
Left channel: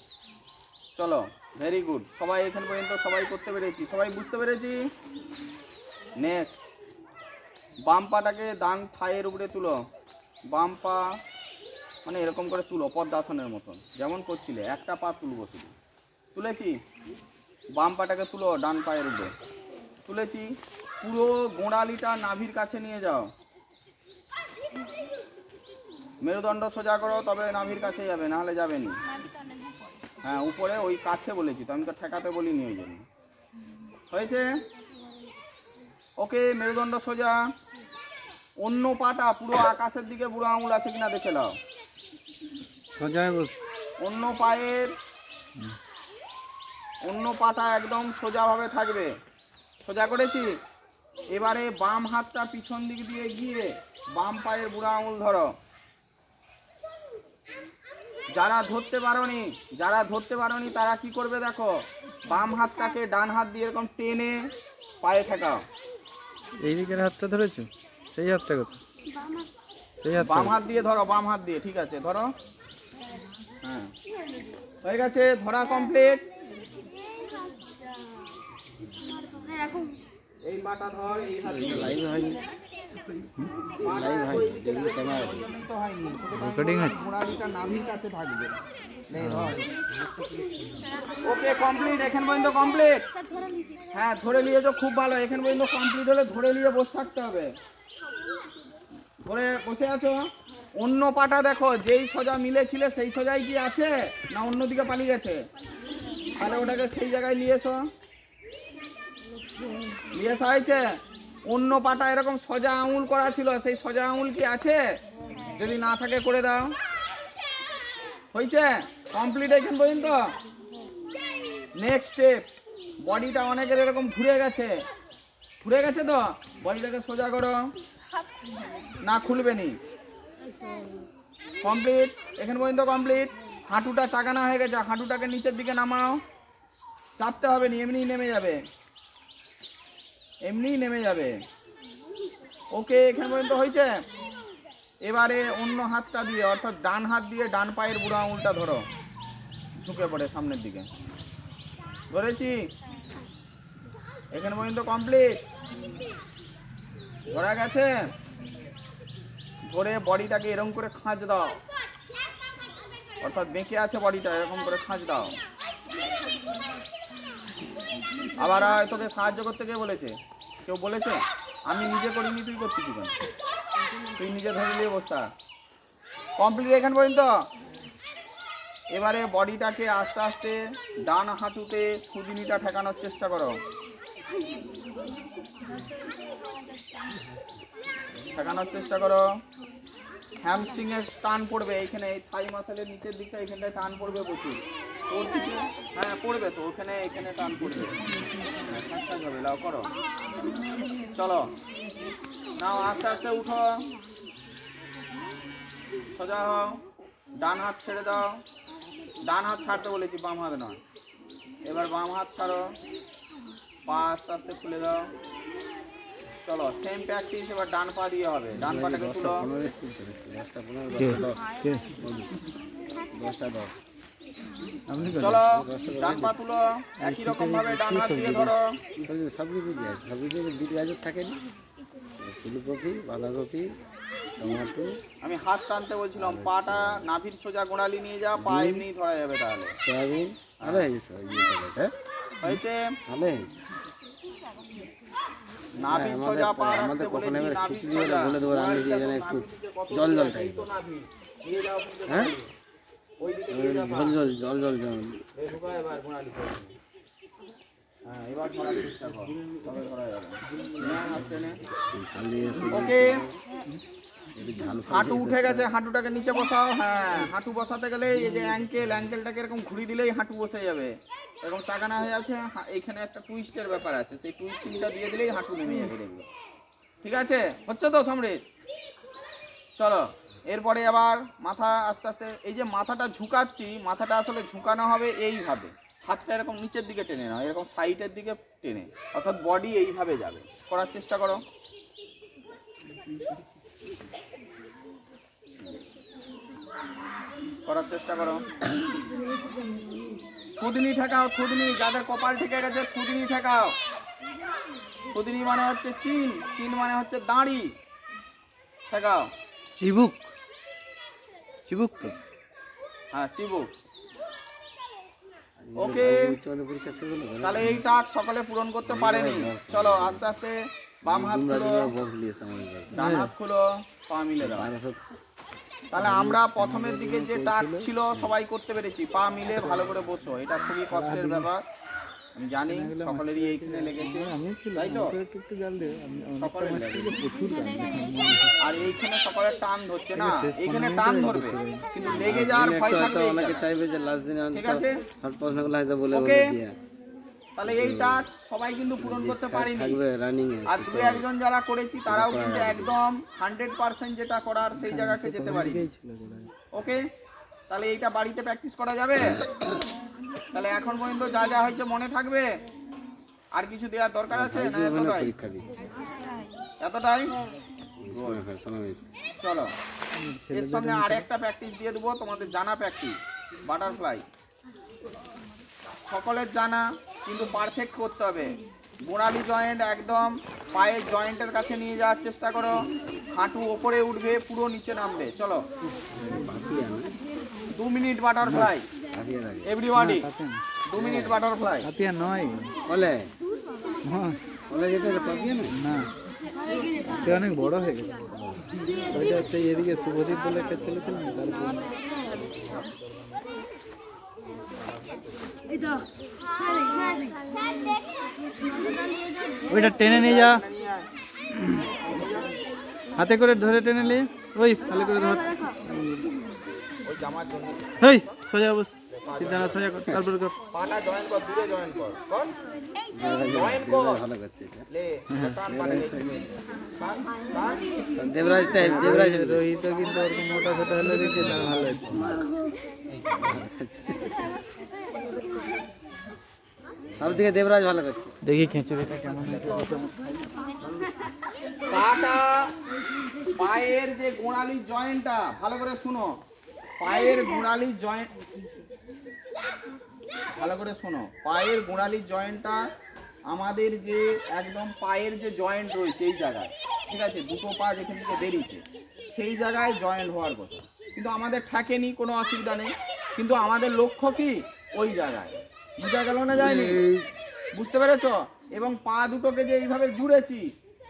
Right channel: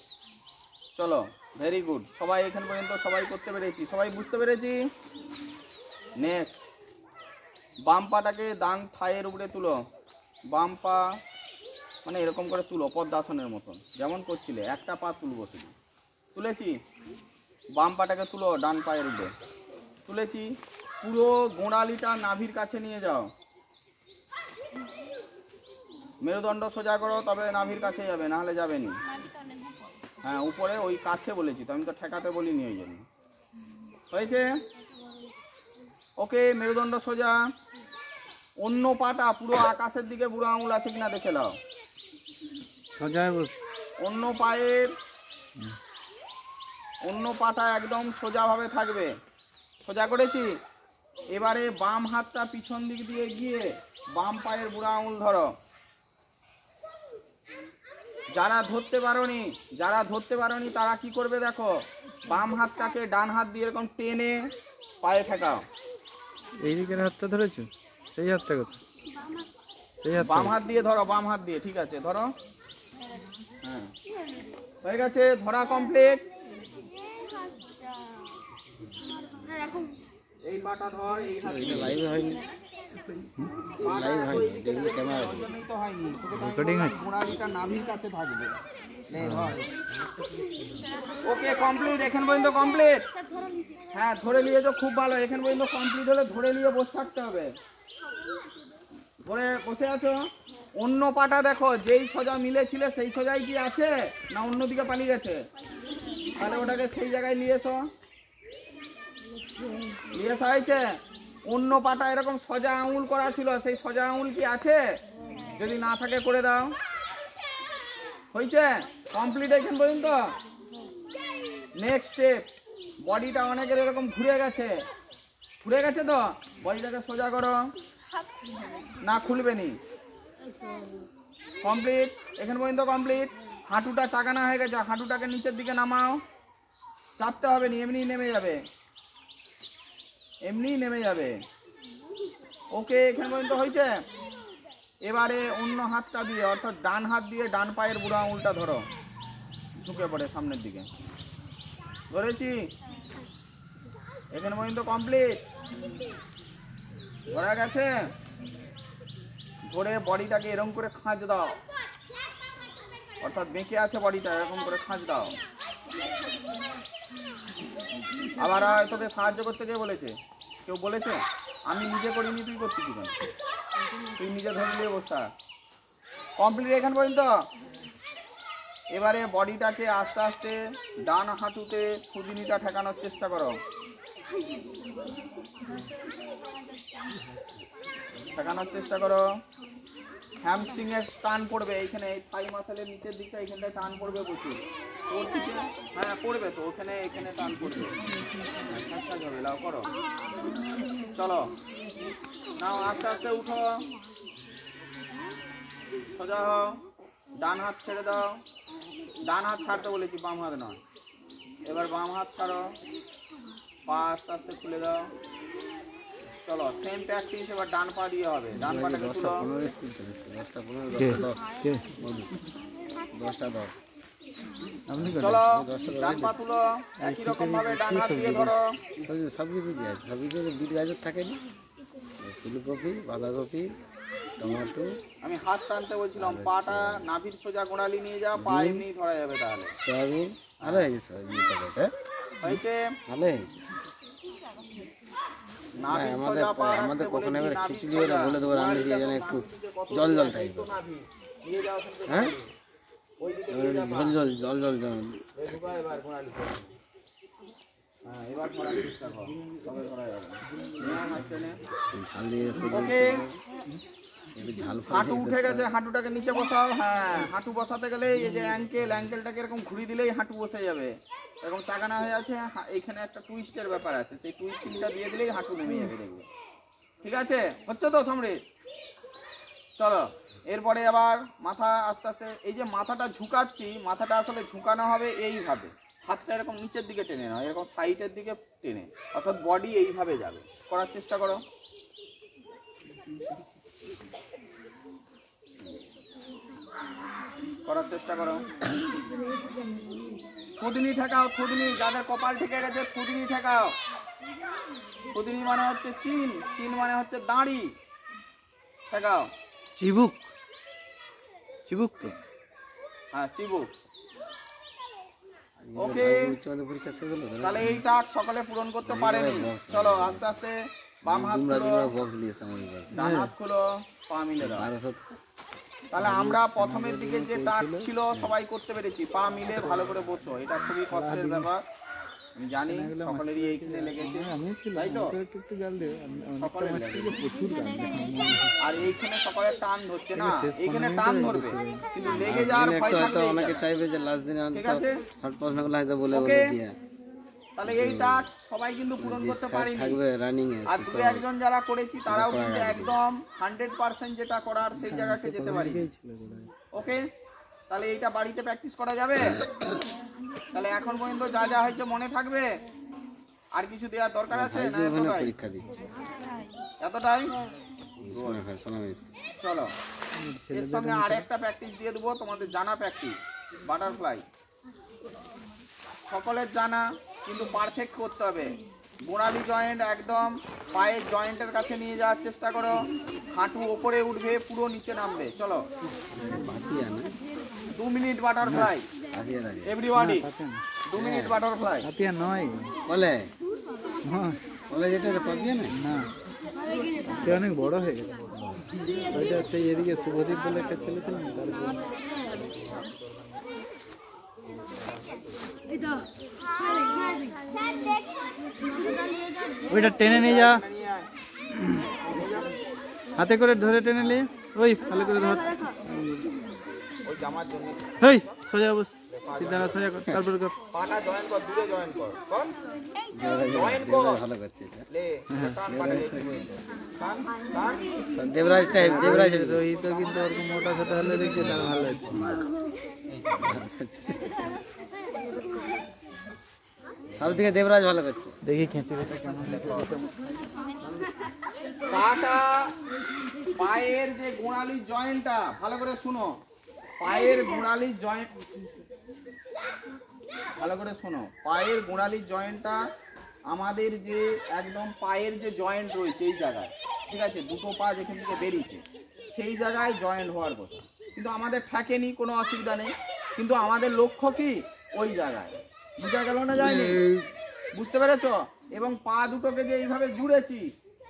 চলো ভেরি গুড, সবাই এখান পর্যন্ত সবাই করতে পেরেছি, সবাই বুঝতে পেরেছি। নেক্সট, বাম পাটাকে ডান থাইয়ের উপরে তুলো, বাম পা মানে এরকম করে তুলো, পদ্মাসনের মতন যেমন করছিলে, একটা পা তুলবো শুধু, তুলেছি, বাম পাটাকে তুলো ডান পায়ের উপরে, তুলেছি, পুরো গোড়ালিটা নাভির কাছে নিয়ে যাও, মেরুদণ্ড সোজা করো, তবে নাভির কাছে যাবে, না হলে যাবে না। হ্যাঁ উপরে ওই কাছে বলেছি তো, আমি তো ঠেকাতে বলিনি ওই জন্য। হয়েছে? ওকে, মেরুদণ্ড সোজা, অন্য পাটা পুরো আকাশের দিকে বুড়ো আঙুল আছে কিনা দেখে দাও, সোজা বস, অন্য পায়ের অন্য পাটা একদম সোজাভাবে থাকবে, সোজা করেছি। এবারে বাম হাতটা পিছন দিক দিয়ে গিয়ে বাম পায়ের বুড়ো আঙুল ধরো। যারা ধরতে পারোনি তারা কি করবে দেখো, বাম হাতটাকে ডান হাত দিয়ে এরকম টেনে পায়ে ঠেকাও। এই দিকের হাতটা ধরেছো, সেই হাতটা কত, সেই হাত বাম হাত দিয়ে ধরো, বাম হাত দিয়ে, ঠিক আছে ধরো, হ্যাঁ হয়ে গেছে, ধরা কমপ্লিট। এই পাটা ধর, এই হাতে লাইভ হয়নি, লাইভ হয়নি, দেখবি ক্যামেরা ওই তো হয়নি। রেকর্ডিং হচ্ছে। গোড়ালিটা নাভির কাছে থাকবে। ওকে কমপ্লিট, এখান পর্যন্ত কমপ্লিট। হ্যাঁ ধরে নিয়েছো, খুব ভালো। এখান পর্যন্ত কমপ্লিট হলে ধরে নিয়ে বসে থাকতে হবে। ধরে বসে আছো। অন্য পাটা দেখো, যেই সোজা মিলেছিলে সেই সোজাই কি আছে না অন্যদিকে পালিয়ে গেছে? তাহলে ওটাকে সেই জায়গায় নিয়ে এসো। নিয়ে আসা হয়েছে। অন্য পাটা এরকম সোজা আঙুল করা ছিল, সেই সোজা আঙুল কি আছে? যদি না থাকে করে দাও। হয়েছে কমপ্লিট এখান পর্যন্ত। নেক্সট স্টেপ, বডিটা অনেকের এরকম ঘুরে গেছে, ঘুরে গেছে তো বডিটাকে সোজা করো। না খুলবে নি। কমপ্লিট এখান পর্যন্ত কমপ্লিট। হাঁটুটা চাকানা হয়ে গেছে, হাঁটুটাকে নিচের দিকে নামাও। চাপতে হবে না, এমনি নেমে যাবে, এমনি নেমে যাবে। ওকে এখান পর্যন্ত হয়েছে। এবারে অন্য হাতটা দিয়ে, অর্থাৎ ডান হাত দিয়ে ডান পায়ের বুড়ো আঙুলটা ধরো, ঝুঁকে পড়ে সামনের দিকে। ধরেছি, এখান পর্যন্ত কমপ্লিট। ধরা গেছে। ধরে বডিটাকে এরকম করে খাঁজ দাও, অর্থাৎ বেঁকে আছে বডিটা, এরকম করে খাঁজ দাও। আবার তোকে সাহায্য করতে কে বলেছে? কেউ বলেছে? আমি নিজে করিনি, তুই করতেছি কেন? তুই নিজে ধরে নিয়ে বসতা। কমপ্লিট এখান পর্যন্ত। এবারে বডিটাকে আস্তে আস্তে ডান হাঁটুতে খুদিনিটা ঠেকানোর চেষ্টা করো। ঠেকানোর চেষ্টা করো। হ্যামস্ট্রিং এর টান পড়বে এইখানে, থাই মাসেলের নিচের দিকটা এখানটায় টান পড়বে প্রচুর। হ্যাঁ পড়বে তো, ওখানে এখানে টান পড়বে। লাও করো, চলো নাও, আস্তে আস্তে উঠো, সোজা হও। ডান হাত ছেড়ে দাও। ডান হাত ছাড়তে বলেছি, বাম হাত নয়। এবার বাম হাত ছাড়ো, পা আস্তে আস্তে খুলে দাও। চলো সেম প্র্যাকটিস এবার ডান পা দিয়ে হবে। ডান পাটাকে তুলো। 10টা 10 আপনি চলো ডান পা তুলো, একই রকম ভাবে ডান হাত দিয়ে ধরো। সব কিছু দিয়ে আছে, সব কিছু বিট গাজর থাকে না, ফুলকপি, বাঁধাকপি, টমেটো। আমি হাত টানতে বলছিলাম, পাটা নাভির সোজা গোড়ালি নিয়ে যা, পা এমনি ধরা যাবে। তাহলে সয়াবিন ভালো হয়েছে, সব ইয়ে থাকে, হয়েছে। ভালো হয়েছে। নাভির সোজা পা রাখতে বলেছি, নাভির সোজা বলে দেবো রান্না দিয়ে যেন একটু জল জল টাইপ, নাভি নিয়ে যাও কিন্তু গোড়ালি। ওই দিকে নিয়ে যা পা। জল জল জল জল জল এই ঢুকা এবার গোড়ালি। হ্যাঁ এবার ধরার চেষ্টা কর, তবে ধরা যাবে। হ্যাঁ হাত টেনে। ঝাল দিয়ে ওকে ঝাল হাঁটু উঠে গেছে, হাঁটুটাকে নিচে বসাও। হ্যাঁ হাঁটু বসাতে গেলে এই যে অ্যাঙ্কেলটাকে এরকম ঘুরিয়ে দিলেই হাঁটু বসে যাবে। এরকম চাকানা হয়ে আছে, এইখানে একটা টুইস্টের ব্যাপার আছে, সেই টুইস্টিংটা দিয়ে দিলেই হাঁটু নেমে যাবে, দেখবে। ঠিক আছে, হচ্ছে তো সমৃদ্ধ? চলো এরপরে আবার মাথা আস্তে আস্তে, এই যে মাথাটা ঝুঁকাচ্ছি, মাথাটা আসলে ঝুঁকানো হবে এইভাবে। হাতটা এরকম নিচের দিকে টেনে নাও, এরকম সাইডের দিকে টেনে, অর্থাৎ বডি এইভাবে যাবে। করার চেষ্টা করো। করার চেষ্টা করো। থুতনি ঠেকাও, থুতনি, যাদের কপাল ঠেকে গেছে থুতনি ঠেকাও। থুতনি মানে হচ্ছে চিন, চিন মানে হচ্ছে দাঁড়ি। ঠেকাও। চিবুক, চিবুক তো। হ্যাঁ চিবুক। ওকে তাহলে এই টাস্ক সকলে পূরণ করতে পারেনি। চলো আস্তে আস্তে বাম হাত খুলো, ডান হাত খুলো, পা মিলে দাও। তাহলে আমরা প্রথমের দিকে যে টাস্ক ছিল সবাই করতে পেরেছি। পা মিলে ভালো করে বসো, এটা খুবই কষ্টের ব্যাপার, আমি জানি সকলেরই এইখানে লেগেছে, তাই তো? সকলের লেগেছে। আর এইখানে সকলের টান ধরছে না, এইখানে টান ধরবে কিন্তু লেগে যাওয়ার ভয় থাকবে। অনেকে চাইবে যে লাস্ট দিন ঠিক আছে, শর্ট প্রশ্নগুলো হয়তো বলে ওকে। দিয়ে তাহলে এই টাস্ক সবাই কিন্তু পূরণ করতে পারিনি। থাকবে রানিং এ, আর দু একজন যারা করেছি তারাও কিন্তু একদম 100% যেটা করার সেই জায়গাতে যেতে পারি। ওকে, তাহলে এইটা বাড়িতে প্র্যাকটিস করা যাবে। তাহলে এখন পর্যন্ত যা যা হয়েছে মনে থাকবে? আর কিছু দেওয়ার দরকার আছে না? এতটাই, পরীক্ষা দিচ্ছে এতটাই। শোনা চলো এর সঙ্গে আর একটা প্র্যাকটিস দিয়ে দেবো, তোমাদের জানা প্র্যাকটিস, বাটারফ্লাই। সকলের জানা কিন্তু পারফেক্ট করতে হবে। গোড়ালি জয়েন্ট একদম পায়ের জয়েন্টের কাছে নিয়ে যাওয়ার চেষ্টা করো। হাঁটু ওপরে উঠবে, পুরো নিচে নামবে। চলো 2 minute butterfly everybody, 2 minute butterfly. Hatiya নয় বলে নয়, বলে যেটা পাপিয়া না না সে অনেক বড় হয়ে গেছে। ওইটা সেই এদিকে শুভদীপ বলে একটা ছেলে ছিল না, তারপর ওইটা টেনে নিয়ে যা, হাতে করে ধরে টেনে নিয়ে ওই ভালো করে ধর। ওই জামার জন্য হেই সোজা বস, সিধা না সোজা কর, তারপর কর। পাটা জয়েন কর, দূরে জয়েন কর, কর জয়েন কর, ভালো করছে এটা। লে টান পাটা টান টান। দেবরাজ টাইপ, দেবরাজ রোহিত কিন্তু ওরকম মোটা সোটা হলে দেখছে তার ভালো হচ্ছে। সব থেকে দেবরাজ ভালো করছে। দেখি খেঁচে পাটা পায়ের যে গোড়ালি জয়েন্টটা ভালো করে শুনো, পায়ের গোড়ালি জয়েন্ট ভালো করে শোনো, পায়ের গোড়ালি জয়েন্টটা আমাদের যে একদম পায়ের যে জয়েন্ট রয়েছে এই জায়গায়, ঠিক আছে, দুটো পা যেখান থেকে বেরিয়েছে সেই জায়গায় জয়েন্ট হওয়ার কথা, কিন্তু আমাদের থাকেনি, কোনো অসুবিধা নেই, কিন্তু আমাদের লক্ষ্য কি ওই জায়গায়। বুঝা গেল না যায়নি? বুঝতে পেরেছ? এবং পা দুটোকে যে এইভাবে জুড়েছি,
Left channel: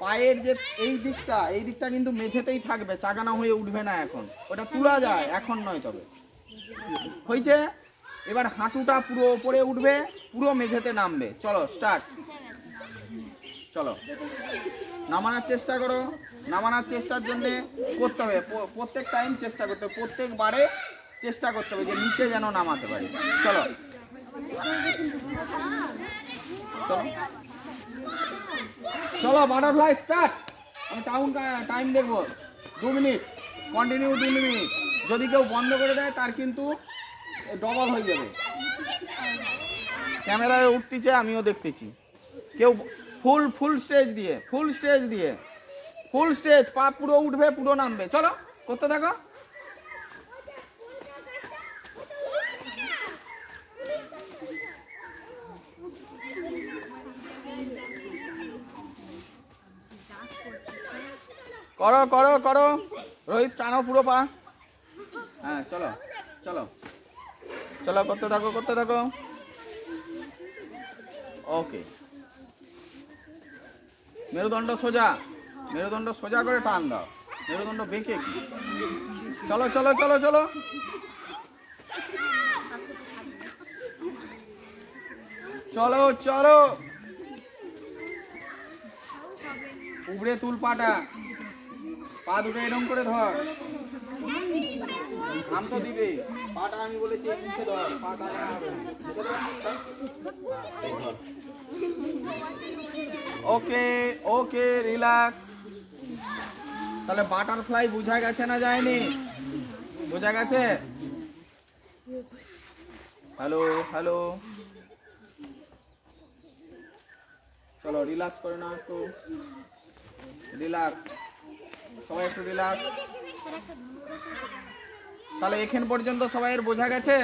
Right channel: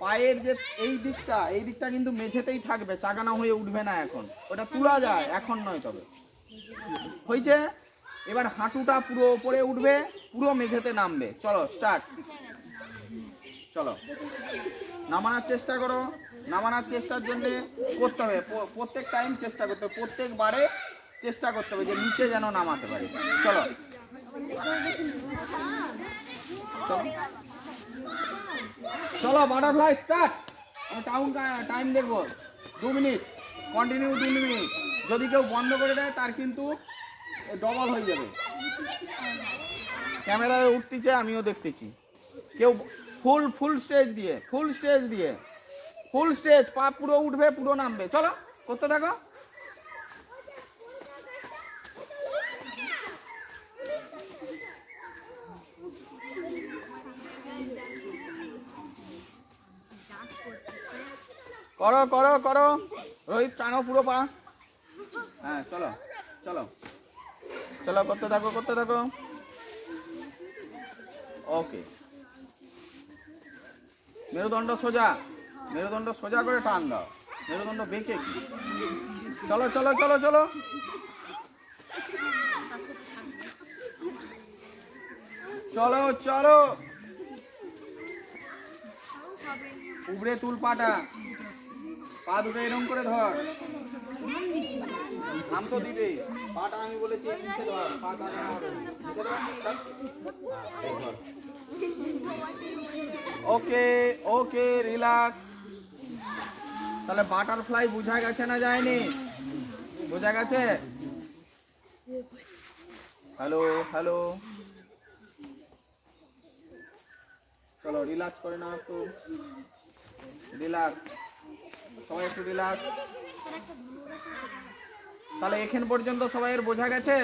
পায়ের যে এই দিকটা কিন্তু মেঝেতেই থাকবে, চাগানো হয়ে উঠবে না। এখন ওটা তোলা যায়, এখন নয়। তবে হয়েছে। এবার হাঁটুটা পুরো ওপরে উঠবে, পুরো মেঝেতে নামবে। চলো স্টার্ট। চলো নামানোর চেষ্টা করো। নামানোর চেষ্টার জন্য করতে হবে প্রত্যেক টাইম চেষ্টা করতে হবে, প্রত্যেকবারে চেষ্টা করতে হবে যে নিচে যেন নামাতে পারি। চলো চলো চলো বাটারফ্লাই স্টার্ট। আমি টাইম দেখবো 2 মিনিট, কন্টিনিউ 2 মিনিট। যদি কেউ বন্ধ করে দেয় তার কিন্তু ডবল হয়ে যাবে। ক্যামেরায় উঠতেছে, আমিও দেখতেছি। কেউ ফুল স্টেজ দিয়ে ফুল স্টেজ পা পুরো উঠবে, পুরো নামবে। চলো করতে থাকো। করো করো করো রোহিত, টানো পুরো পা। হ্যাঁ চলো চলো চলো করতে থাকো। ওকে, মেরুদণ্ড সোজা করে টান দাও, মেরুদণ্ড বেঁকে কি। চলো চলো চলো চলো চলো চলো উবড়ে তুল পাটা, পা দুটো এরকম করে ধর। নাম তো দিবে, পাটা আমি বলেছি নিচে ধর, পা টানা হবে না। নিচে ধর, ধর। ওকে ওকে রিল্যাক্স। তাহলে বাটারফ্লাই বোঝা গেছে না যায়নি? বোঝা গেছে? হ্যালো হ্যালো, চলো রিল্যাক্স করে নাও একটু, রিল্যাক্স, সবাই একটু রিল্যাক্স। তাহলে এখান পর্যন্ত সবাইয়ের বোঝা গেছে?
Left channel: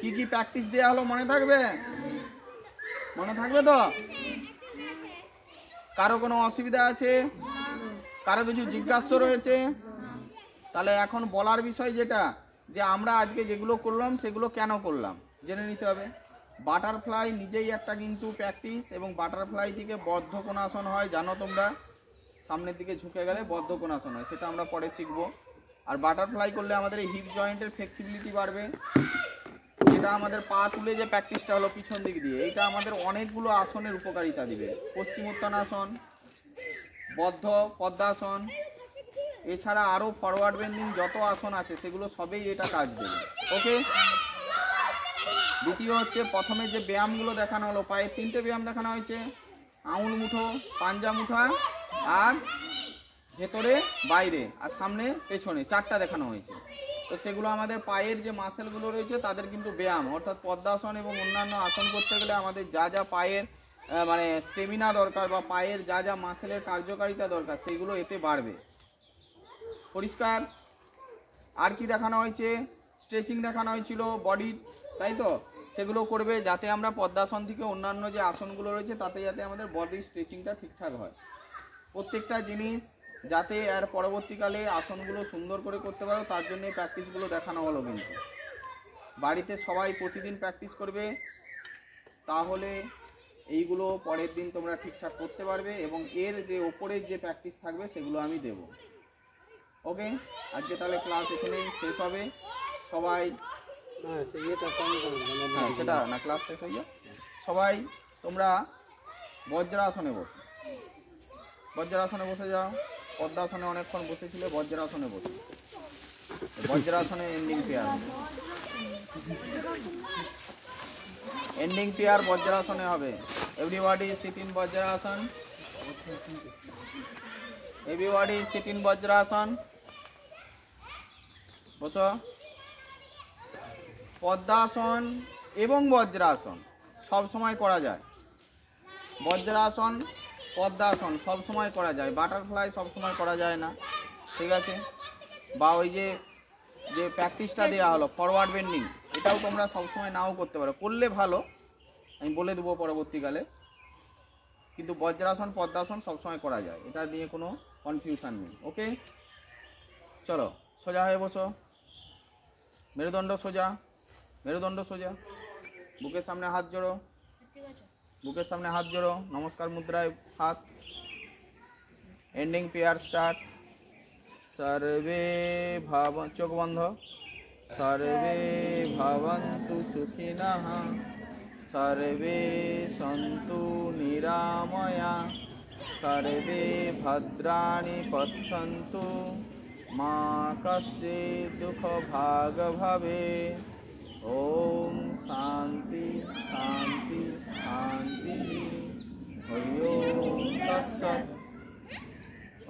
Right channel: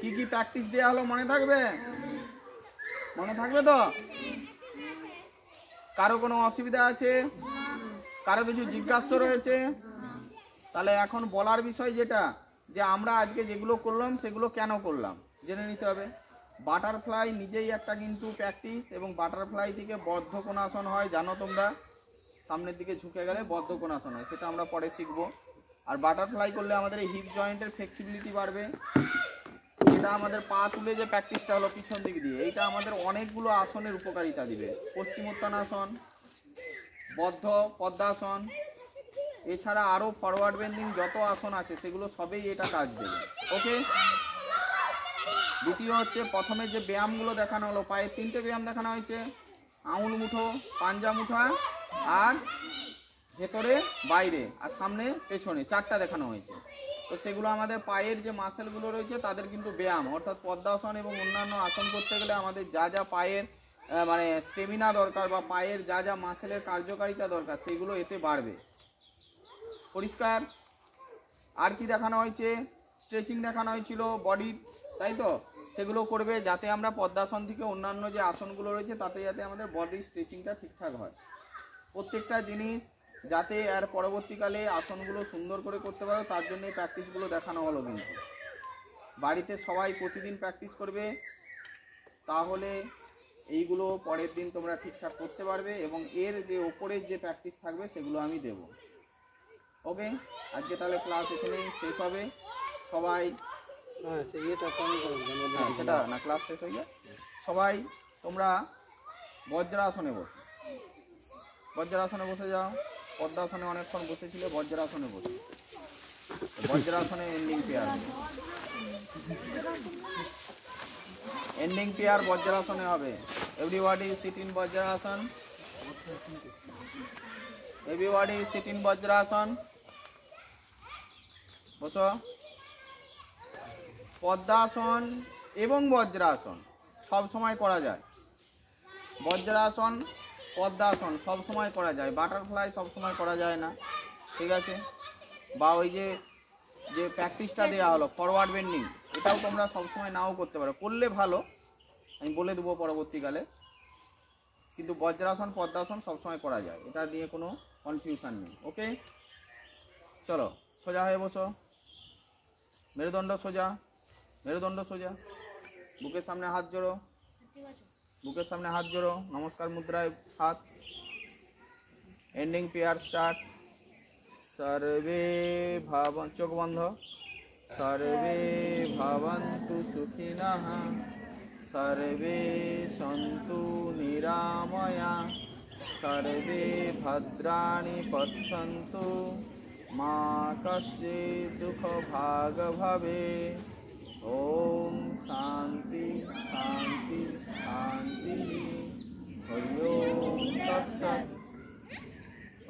কি কি প্র্যাকটিস দেওয়া হলো মনে থাকবে? মনে থাকবে তো? কারো কোনো অসুবিধা আছে? কারো কিছু জিজ্ঞাসা রয়েছে? তাহলে এখন বলার বিষয় যেটা, যে আমরা আজকে যেগুলো করলাম সেগুলো কেন করলাম জেনে নিতে হবে। বাটারফ্লাই নিজেই একটা কিন্তু প্র্যাকটিস, এবং বাটারফ্লাই থেকে বদ্ধকোণাসন হয়, জানো তোমরা, সামনের দিকে ঝুঁকে গেলে বদ্ধকোণাসন হয়, সেটা আমরা পরে শিখবো। আর বাটারফ্লাই করলে আমাদের হিপ জয়েন্টের ফ্লেক্সিবিলিটি বাড়বে। এটা আমাদের পা তুলে যে প্র্যাকটিসটা হলো পিছন দিক দিয়ে, এইটা আমাদের অনেকগুলো আসনের উপকারিতা দিবে। পশ্চিমোত্তানাসন, বদ্ধ পদ্মাসন, এছাড়া আরও ফরওয়ার্ড বেন্ডিং যত আসন আছে সেগুলো সবেই এটা কাজ দেবে। ওকে, দ্বিতীয় হচ্ছে প্রথমে যে ব্যায়ামগুলো দেখানো হলো, পায়ে 3টে ব্যায়াম দেখানো হয়েছে, আঙুল মুঠো, পাঞ্জা মুঠা, আর ভেতরে বাইরে, আর সামনে পেছনে, 4টা দেখানো হয়েছে। তো সেগুলো আমাদের পায়ের যে মাসেলগুলো রয়েছে তাদের কিন্তু ব্যায়াম, অর্থাৎ পদ্মাসন এবং অন্যান্য আসন করতে গেলে আমাদের যা যা পায়ের মানে স্টেমিনা দরকার, বা পায়ের যা যা মাসেলের কার্যকারিতা দরকার, সেগুলো এতে বাড়বে। পরিষ্কার? আর কি দেখানো হয়েছে? স্ট্রেচিং দেখানো হয়েছিল বডির, তাই তো? সেগুলো করবে, যাতে আমরা পদ্মাসন থেকে অন্যান্য যে আসনগুলো রয়েছে তাতে যাতে আমাদের বডি স্ট্রেচিংটা ঠিকঠাক হয়। প্রত্যেকটা জিনিস যাতে আর পরবর্তীকালে আসনগুলো সুন্দর করে করতে পারো তার জন্য এই প্র্যাকটিসগুলো দেখানো হলো। কিন্তু বাড়িতে সবাই প্রতিদিন প্র্যাকটিস করবে, তাহলে এইগুলো পরের দিন তোমরা ঠিকঠাক করতে পারবে এবং এর যে ওপরের যে প্র্যাকটিস থাকবে সেগুলো আমি দেব। ওকে, আজকে তাহলে ক্লাস এখানেই শেষ হবে। সবাই সেটা না, ক্লাস শেষ হয়ে যায়। সবাই তোমরা বজ্রাসনে বসো, বজ্রাসনে বসে যাও। পদ্মাসনে অনেকক্ষণ বসেছিলে, বজ্রাসনে বসো। বজ্রাসনে এন্ডিং পেয়ার, এন্ডিং পেয়ার বজ্রাসনে হবে। Everybody sit in Vajrasana, everybody sit in Vajrasana, বসো। পদ্মাসন এবং বজ্রাসন সব সময় করা যায়, বজ্রাসন পদ্মাসন সব সময় করা যায়, বাটারফ্লাই সব সময় করা যায় না, ঠিক আছে? বা ওই যে প্র্যাকটিসটা দেওয়া হলো ফরওয়ার্ড বেন্ডিং, এটাও তোমরা সবসময় নাও করতে পারো, করলে ভালো, আমি বলে দেবো পরবর্তীকালে। কিন্তু বজ্রাসন পদ্মাসন সবসময় করা যায়, এটা নিয়ে কোনো কনফিউশন নেই। ওকে, চলো সোজা হয়ে বসো, মেরুদণ্ড সোজা, মেরুদণ্ড সোজা, বুকের সামনে হাত জোড়ো, বুকের সামনে হাত জোড়ো, নমস্কার মুদ্রায় হাত। Ending pair start. সর্বে ভাব, চোখ বন্ধ। সর্বে ভবন্তু সুখিনঃ, সর্বে সন্তু নিরাময়া, সর্বে ভদ্রাণি পশ্যন্তু, মা কশ্চিৎ দুঃখ ভাগ ভবেৎ। ওম শান্তি শান্তি শান্তি। হরি ওম তৎসৎ।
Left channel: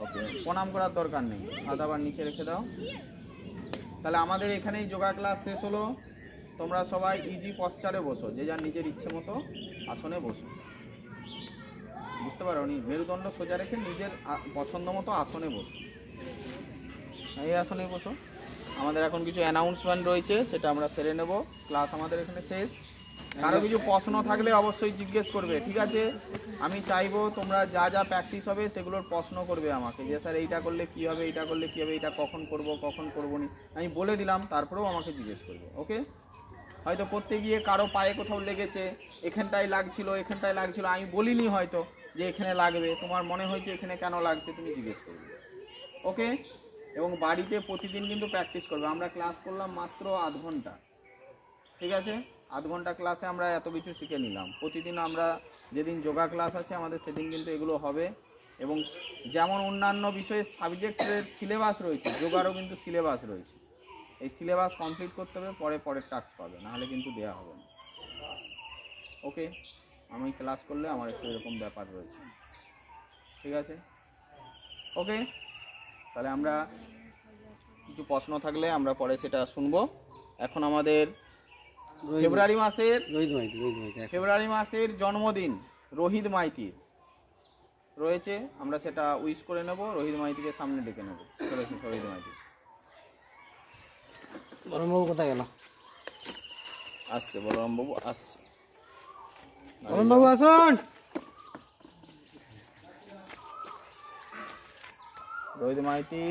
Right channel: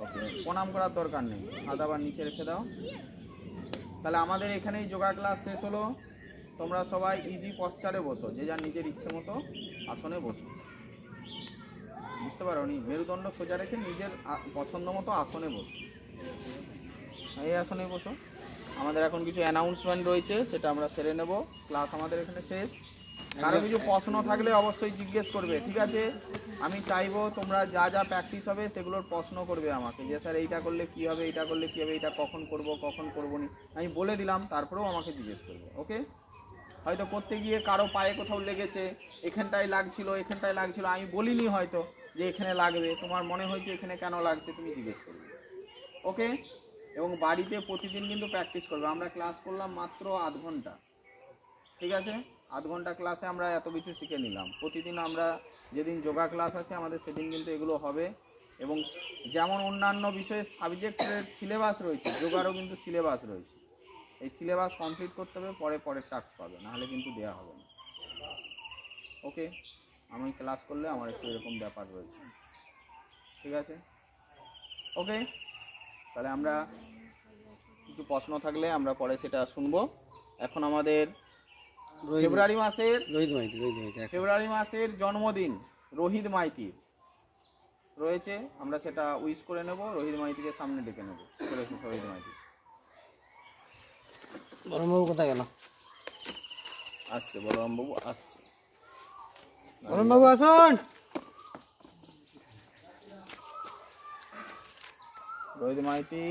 ওকে, প্রণাম করার দরকার নেই, হাত আবার নিচে রেখে দাও। তাহলে আমাদের এখানেই যোগা ক্লাস শেষ হলো। তোমরা সবাই ইজি পশ্চারে বসো, যে যার নিজের ইচ্ছে মতো আসনে বসো। বুঝতে পারো নি? মেরুদণ্ড সোজা রেখে নিজের পছন্দ মতো আসনে বসো, এই আসনে বসো। আমাদের এখন কিছু অ্যানাউন্সমেন্ট রয়েছে, সেটা আমরা সেরে নেব। ক্লাস আমাদের এখানে শেষ। কারো কিছু প্রশ্ন থাকলে অবশ্যই জিজ্ঞেস করবে, ঠিক আছে? আমি চাইবো তোমরা যা যা প্র্যাকটিস হবে সেগুলোর প্রশ্ন করবে আমাকে, যে স্যার এইটা করলে কী হবে, এইটা করলে কী হবে, এটা কখন করব কখন করবো না। আমি বলে দিলাম, তারপরেও আমাকে জিজ্ঞেস করবে। ওকে, হয়তো করতে গিয়ে কারো পায়ে কোথাও লেগেছে, এখানটায় লাগছিল, এখানটায় লাগছিল, আমি বলিনি হয়তো যে এখানে লাগবে, তোমার মনে হয়েছে এখানে কেন লাগছে, তুমি জিজ্ঞেস করবে। ওকে, এবং বাড়িতে প্রতিদিন কিন্তু প্র্যাকটিস করবে। আমরা ক্লাস করলাম মাত্র 8 ঘন্টা, ঠিক আছে? 8 ঘন্টা ক্লাসে আমরা এত কিছু শিখে নিলাম। প্রতিদিন আমরা যেদিন যোগা ক্লাস আছে আমাদের সেদিন কিন্তু এগুলো হবে। এবং যেমন অন্যান্য বিষয়ে সাবজেক্টের সিলেবাস রয়েছে, যোগারও কিন্তু সিলেবাস রয়েছে। এই সিলেবাস কমপ্লিট করতে হবে, পরের টাস্ক পাবে, নাহলে কিন্তু দেওয়া হবে না। ওকে, আমি ক্লাস করলে আমার একটু এরকম ব্যাপার রয়েছে, ঠিক আছে? ওকে, তাহলে আমরা কিছু প্রশ্ন থাকলে আমরা পরে সেটা শুনবো। এখন আমাদের ফেব্রুয়ারি মাসের জন্মদিন রোহিত মাইতির রয়েছে, আমরা সেটা উইশ করে নেব। রোহিত মাইতিকে সামনে ডেকে নেব। রোহিত মাইতি বলরামবাবু কোথায় গেল? আসছে, বলরামবাবু আসছে। বলরামবাবু আসুন। রোহিত মাইতি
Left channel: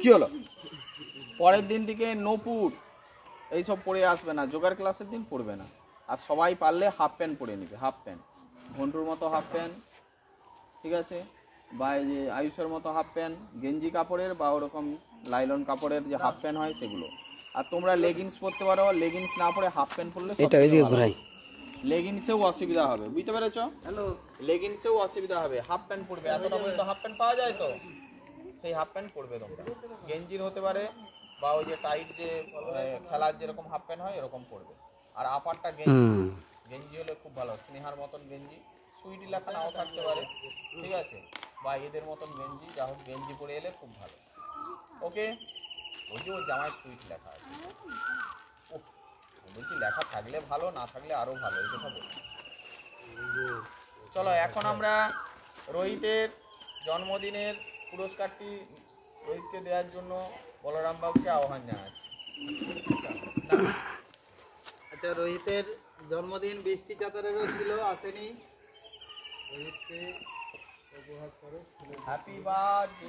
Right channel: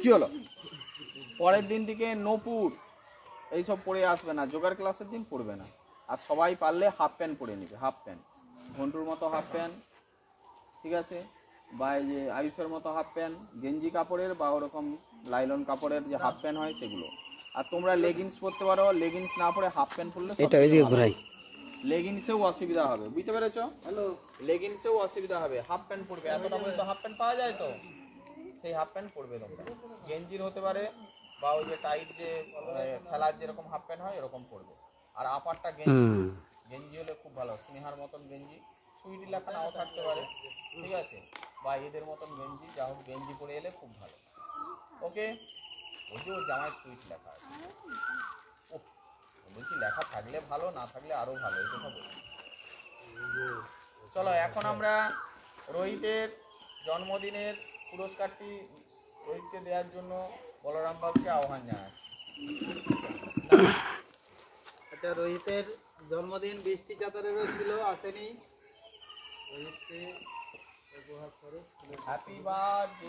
কি হলো? পরের দিন থেকে নপুর এইসব পরে আসবে না, যোগার ক্লাসের দিন পড়বে না। আর সবাই পারলে হাফ প্যান্ট পরে নিবে, হাফ প্যান্ট, ঘন্টুর মতো হাফ প্যান্ট, ঠিক আছে? বা এই যে আয়ুষের মতো হাফ প্যান্ট, গেঞ্জি কাপড়ের বা ওরকম লাইলন কাপড়ের যে হাফ প্যান্ট হয় সেগুলো। আর তোমরা লেগিংস পরতে পারো, লেগিংস না পরে হাফ প্যান্ট পরলে এটা ওইদিকে ঘোরাই, লেগিংসেও অসুবিধা হবে, বুঝতে পেরেছো? হ্যালো, লেগিংসেও অসুবিধা হবে, হাফ প্যান্ট পরবে। এতটা পর্যন্ত হাফ প্যান্ট পাওয়া যায় তো, সেই হাফ প্যান্ট পরবে তোমরা। গেঞ্জির হতে পারে বা ওই যে টাইট যে খেলার যেরকম হাফ প্যান্ট হয় এরকম পরবে। আর আপারটা গেঞ্জি হলে খুব ভালো, স্নেহার মতন গেঞ্জি, সুইটি লেখা নাও থাকতে পারে, ঠিক আছে? বা এদের মতন গেঞ্জি, যা হোক গেঞ্জি পরে এলে খুব ভালো। ওকে, ওই যে ওর জামায় সুইট লেখা আছে, বলছি লেখা থাকলে ভালো, না থাকলে আরও ভালো, এই কথা বলছি। চলো এখন আমরা রোহিতের জন্মদিনের পুরস্কারটি রোহিতকে দেওয়ার জন্য বলরাম বাবুকে আহ্বান জানাচ্ছি। আচ্ছা, রোহিতের জন্মদিন বৃষ্টি চাতারেরও ছিল, আসেনি। রোহিতকে উপহার করে হ্যাপি বার্থডে।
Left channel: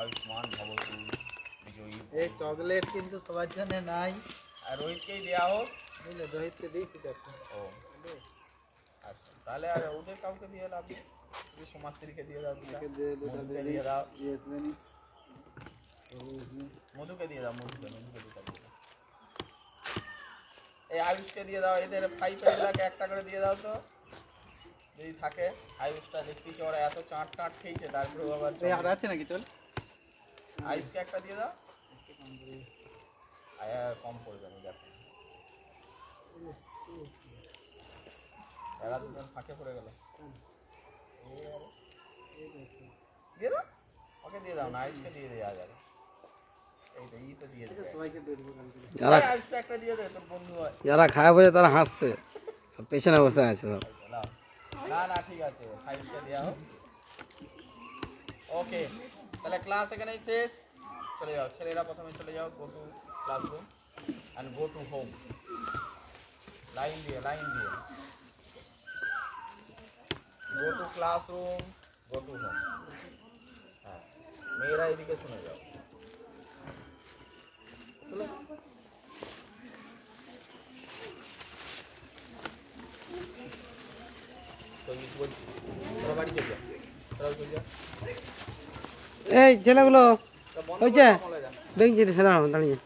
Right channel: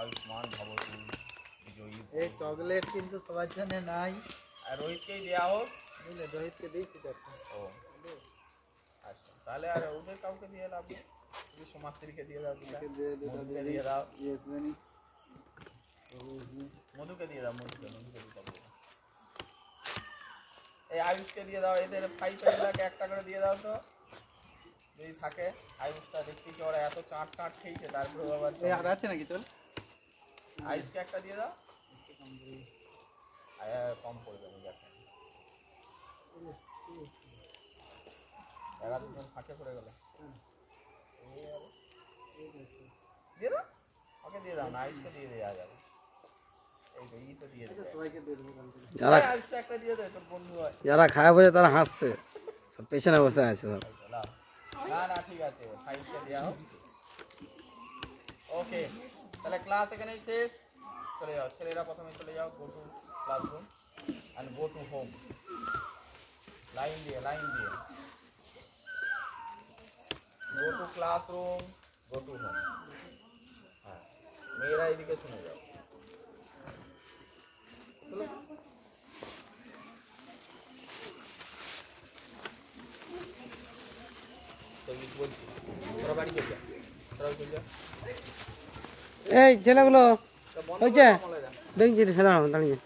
আয়ুষ্মান ভবতু বিজয়ী। এই চকলেট কিন্তু সবার জন্য নাই, আর রোহিতকেই দেওয়া হোক। বুঝলে, রোহিতকে দিয়েছি দেখো। ও আচ্ছা, তাহলে আর ওদের কাউকে দিয়ে লাভ নেই, শুধু সমাজশ্রীকে দিয়ে দাও, মধুকে দিয়ে দাও, মধুকে দিয়ে দাও, মধুকে দিয়ে দাও। এই আয়ুষকে দিয়ে দাও, এদের 5 লাখ 1 টাকা করে দিয়ে দাও তো যদি থাকে। আয়ুষটা দেখতেই ওরা এত চাট খেয়েছে, তারপরে আবার আর আছে নাকি? চল, আয়ুষকে একটা দিয়ে দাও, কম পড়বে না দেখো। এরা দুজন ফাঁকে পড়ে গেল। দিয়ে দাও, ওকে দিয়ে দাও না, আয়ুষকে দিয়ে দেওয়া যাবে। যারা খায় বসে তারা হাসছে, সব পেছনে বসে আছে সব। না না ঠিক আছে, 5টা দেওয়া হোক। ওকে, তাহলে ক্লাস এখানেই শেষ। চলে যাও, ছেলেরা প্রথমে চলে যাও, go to classroom and go to home. Line দিয়ে go to classroom, go to home. হ্যাঁ, মেয়েরা এদিকে শুনে যাও। এই ছেলেগুলো হয়েছে, দেখছি দাঁড়াও দাঁড়িয়ে।